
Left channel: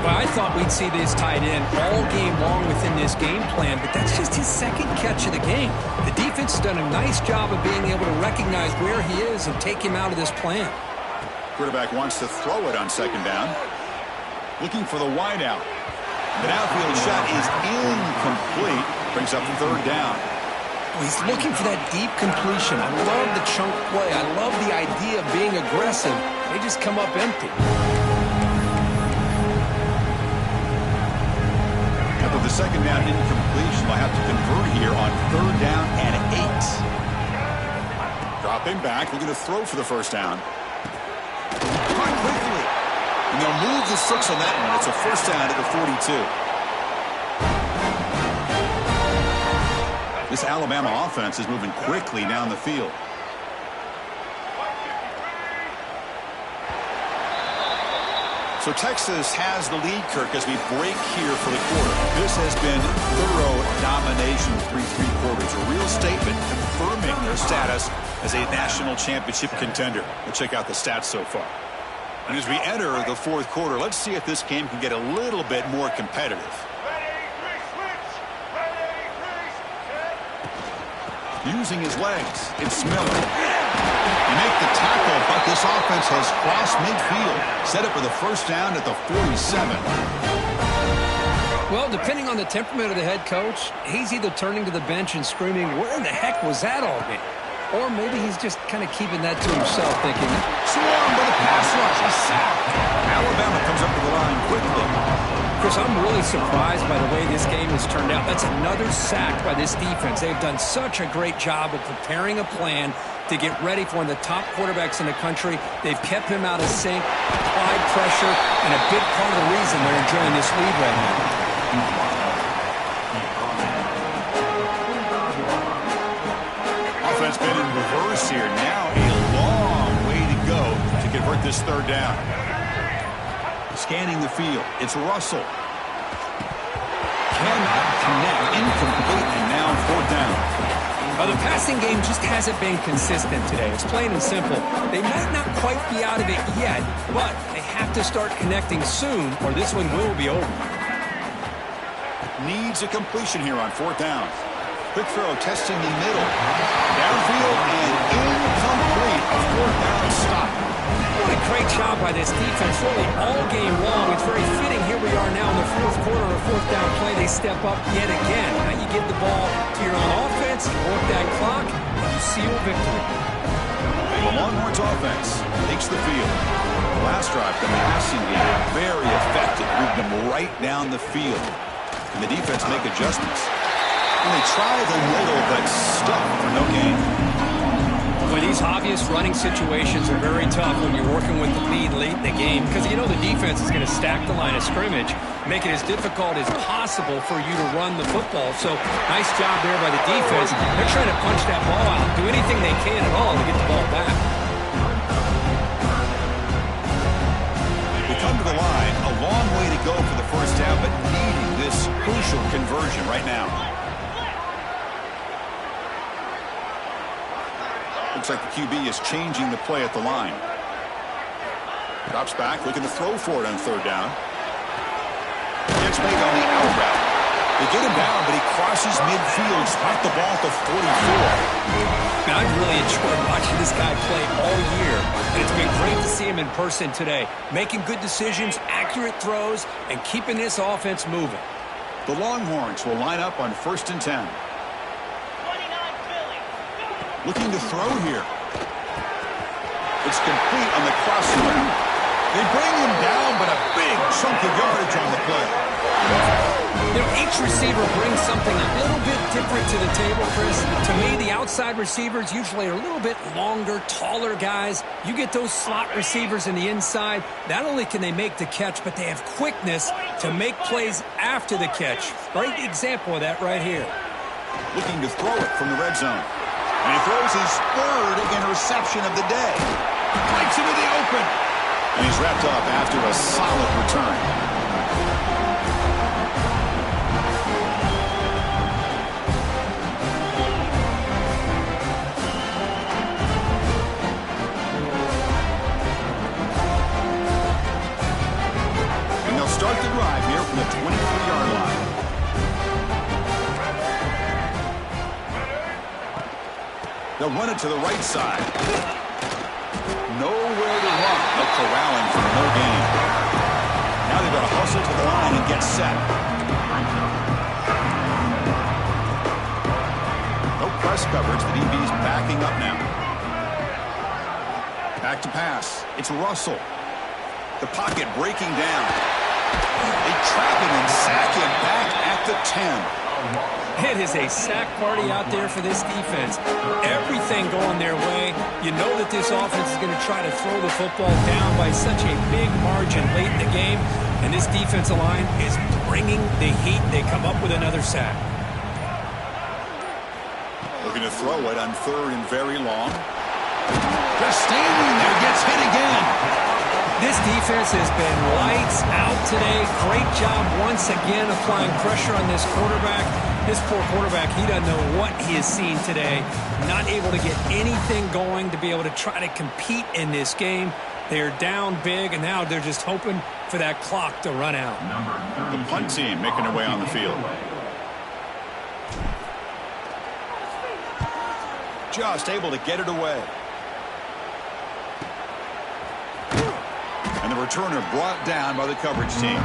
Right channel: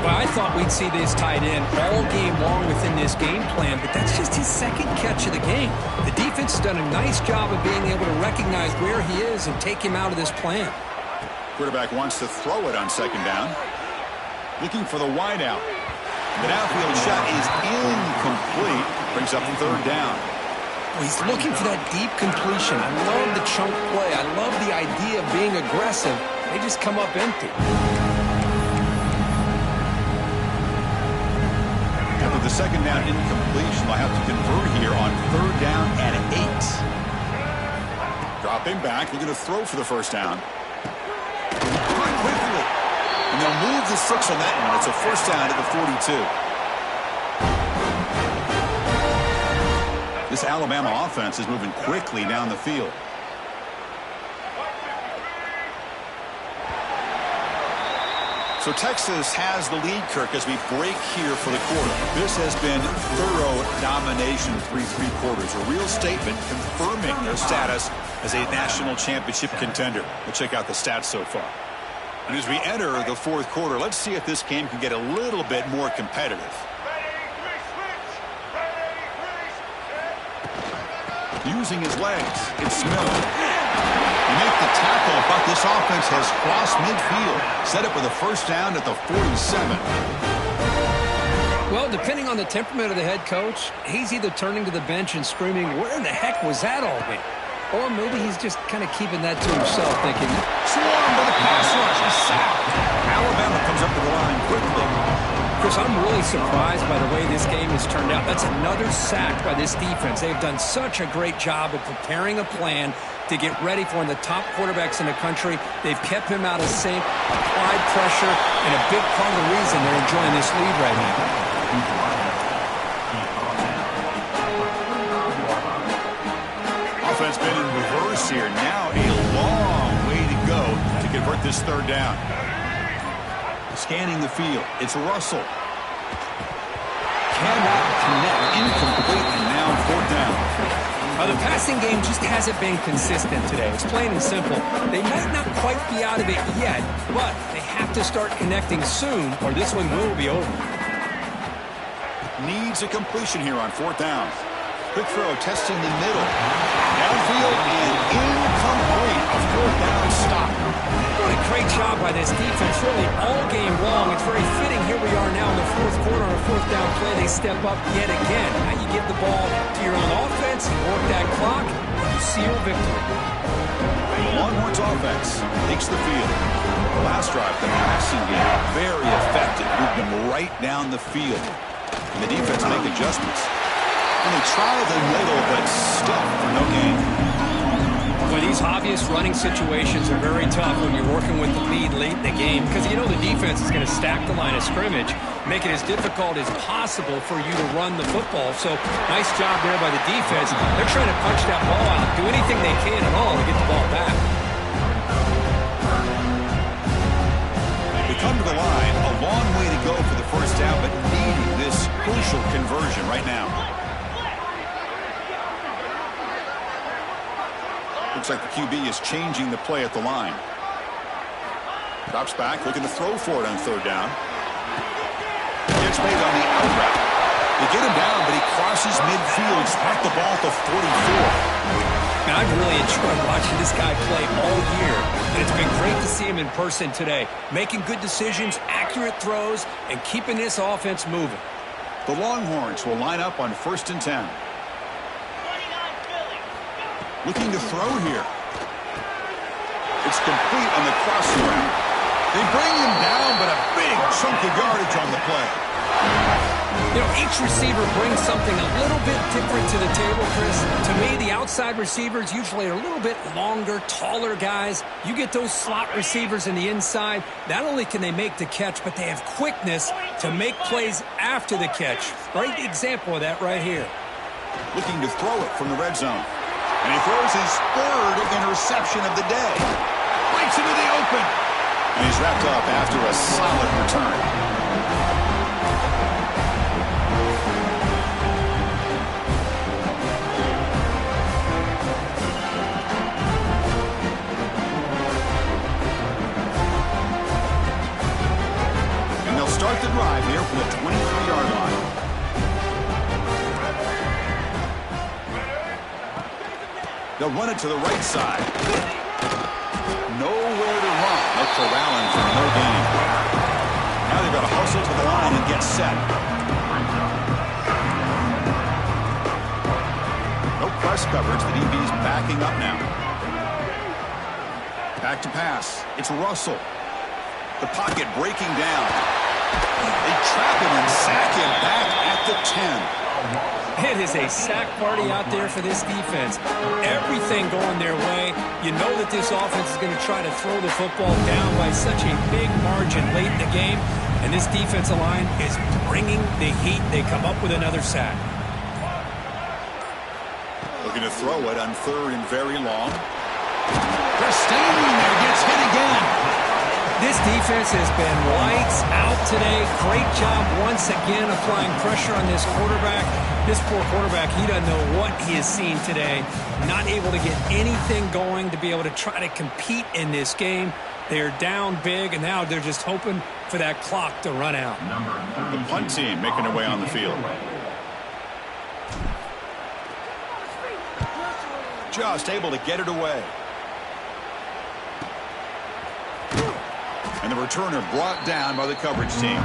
Well, I thought we'd see this tight end all game long within this game plan, but that's just his second catch of the game. The defense has done a nice job of being able to recognize where he is and take him out of this plan. Quarterback wants to throw it on second down. Looking for the wideout. The downfield shot is incomplete. Brings up third down. Well, he's looking for that deep completion. I love the chunk play. I love the idea of being aggressive. They just come up empty. After the second down incompletion, they'll have to convert here on third down and 8. Dropping back, looking to throw for the first down. Caught quickly. And they'll move the 6 on that one. It's a first down at the 42. This Alabama offense is moving quickly down the field. So Texas has the lead, Kirk, as we break here for the quarter. This has been thorough domination through 3 quarters. A real statement confirming their status as a national championship contender. Let's check out the stats so far. And as we enter the 4th quarter, let's see if this game can get a little bit more competitive. Using his legs, it's Miller. You make the tackle, but this offense has crossed midfield. Set up with a first down at the 47. Well, depending on the temperament of the head coach, he's either turning to the bench and screaming, where in the heck was that all game? Or maybe he's just kind of keeping that to himself, thinking, swarmed by the pass rush, a sack. Alabama comes up to the line quickly. Chris, I'm really surprised by the way this game has turned out. That's another sack by this defense. They've done such a great job of preparing a plan to get ready for one of the top quarterbacks in the country. They've kept him out of sync, applied pressure, and a big part of the reason they're enjoying this lead right now. Offense been in reverse here. Now a long way to go to convert this 3rd down. Scanning the field. It's Russell. Cannot connect. Incomplete, and now 4th down. The passing game just hasn't been consistent today. It's plain and simple. They might not quite be out of it yet, but they have to start connecting soon, or this one will be over. Needs a completion here on 4th down. Quick throw, testing the middle. Downfield and incomplete. A 4th down stop. What a great job by this defense, really all game long. It's very fitting. Here we are now in the 4th quarter on a 4th down play. They step up yet again. Now you give the ball to your own offense, you work that clock, and you seal victory. The Longhorns offense takes the field. The last drive, the passing game, very effective. Moved them right down the field. And the defense make adjustments. And they try the middle, but stuck for no gain. Well, these obvious running situations are very tough when you're working with the lead late in the game because you know the defense is going to stack the line of scrimmage, make it as difficult as possible for you to run the football. So nice job there by the defense. They're trying to punch that ball out, do anything they can at all to get the ball back. They come to the line, a long way to go for the first down, but needing this crucial conversion right now. Looks like the QB is changing the play at the line. Drops back, looking to throw for it on 3rd down. Gets made on the out route. They get him down, but he crosses midfield, spot the ball at the 44. Now, I've really enjoyed watching this guy play all year, and it's been great to see him in person today, making good decisions, accurate throws, and keeping this offense moving. The Longhorns will line up on 1st and 10. Looking to throw here. It's complete on the crossing route. They bring him down, but a big chunk of yardage on the play. You know, each receiver brings something a little bit different to the table, Chris. To me, the outside receivers usually are a little bit longer, taller guys. You get those slot receivers in the inside, not only can they make the catch, but they have quickness to make plays after the catch. Great example of that right here. Looking to throw it from the red zone. And he throws his 3rd interception of the day. Breaks into the open. And he's wrapped up after a solid return. And they'll start the drive here from the 23-yard line. They'll run it to the right side. Nowhere to run. They'll corral him for no gain. Now they've got to hustle to the line and get set. No press coverage. The DB's backing up now. Back to pass. It's Russell. The pocket breaking down. They trap him and sack him back at the 10. It is a sack party out there for this defense. Everything going their way. You know that this offense is going to try to throw the football down by such a big margin late in the game. And this defensive line is bringing the heat. They come up with another sack. Looking to throw it on 3rd and very long. Just standing there, gets hit again. This defense has been lights out today. Great job once again applying pressure on this quarterback. This poor quarterback, he doesn't know what he has seen today. Not able to get anything going to be able to try to compete in this game. They're down big, and now they're just hoping for that clock to run out. The punt team making their way on the field. Just able to get it away. And the returner brought down by the coverage team.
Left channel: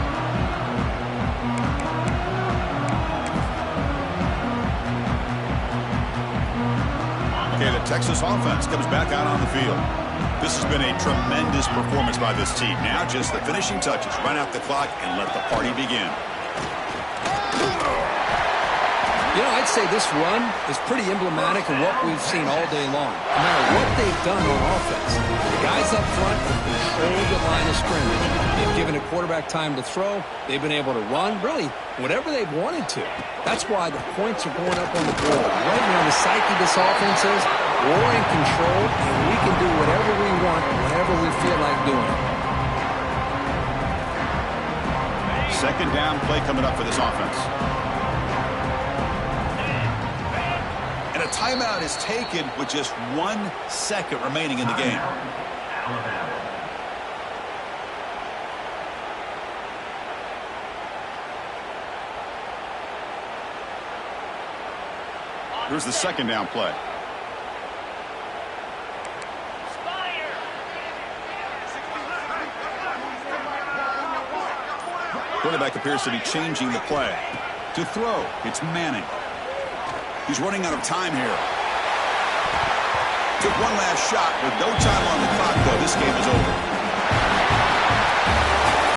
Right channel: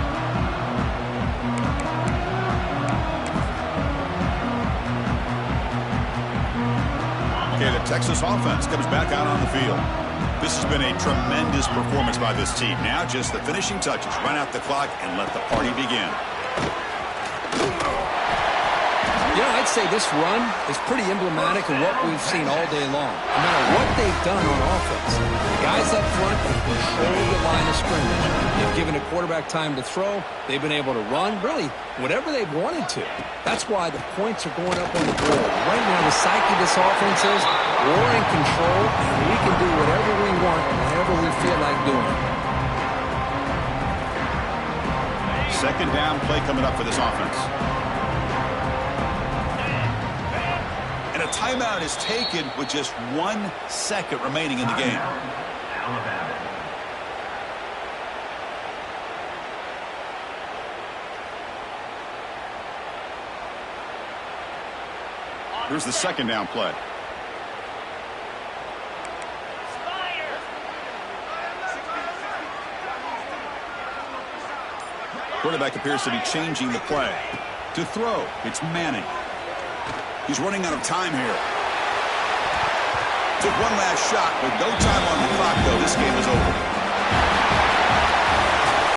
Okay, the Texas offense comes back out on the field. This has been a tremendous performance by this team. Now just the finishing touches. Run out the clock and let the party begin. You know, I'd say this run is pretty emblematic of what we've seen all day long. No matter what they've done on offense, the guys up front have controlled the line of scrimmage. They've given a quarterback time to throw. They've been able to run, really, whatever they've wanted to. That's why the points are going up on the board. Right now, the psyche of this offense is we're in control, and we can do whatever we want, whenever we feel like doing it. Second down play coming up for this offense. And a timeout is taken with just 1 second remaining in the game. Here's the second down play. Quarterback appears to be changing the play. To throw, it's Manning. He's running out of time here. Took one last shot with no time on the clock, though. This game is over.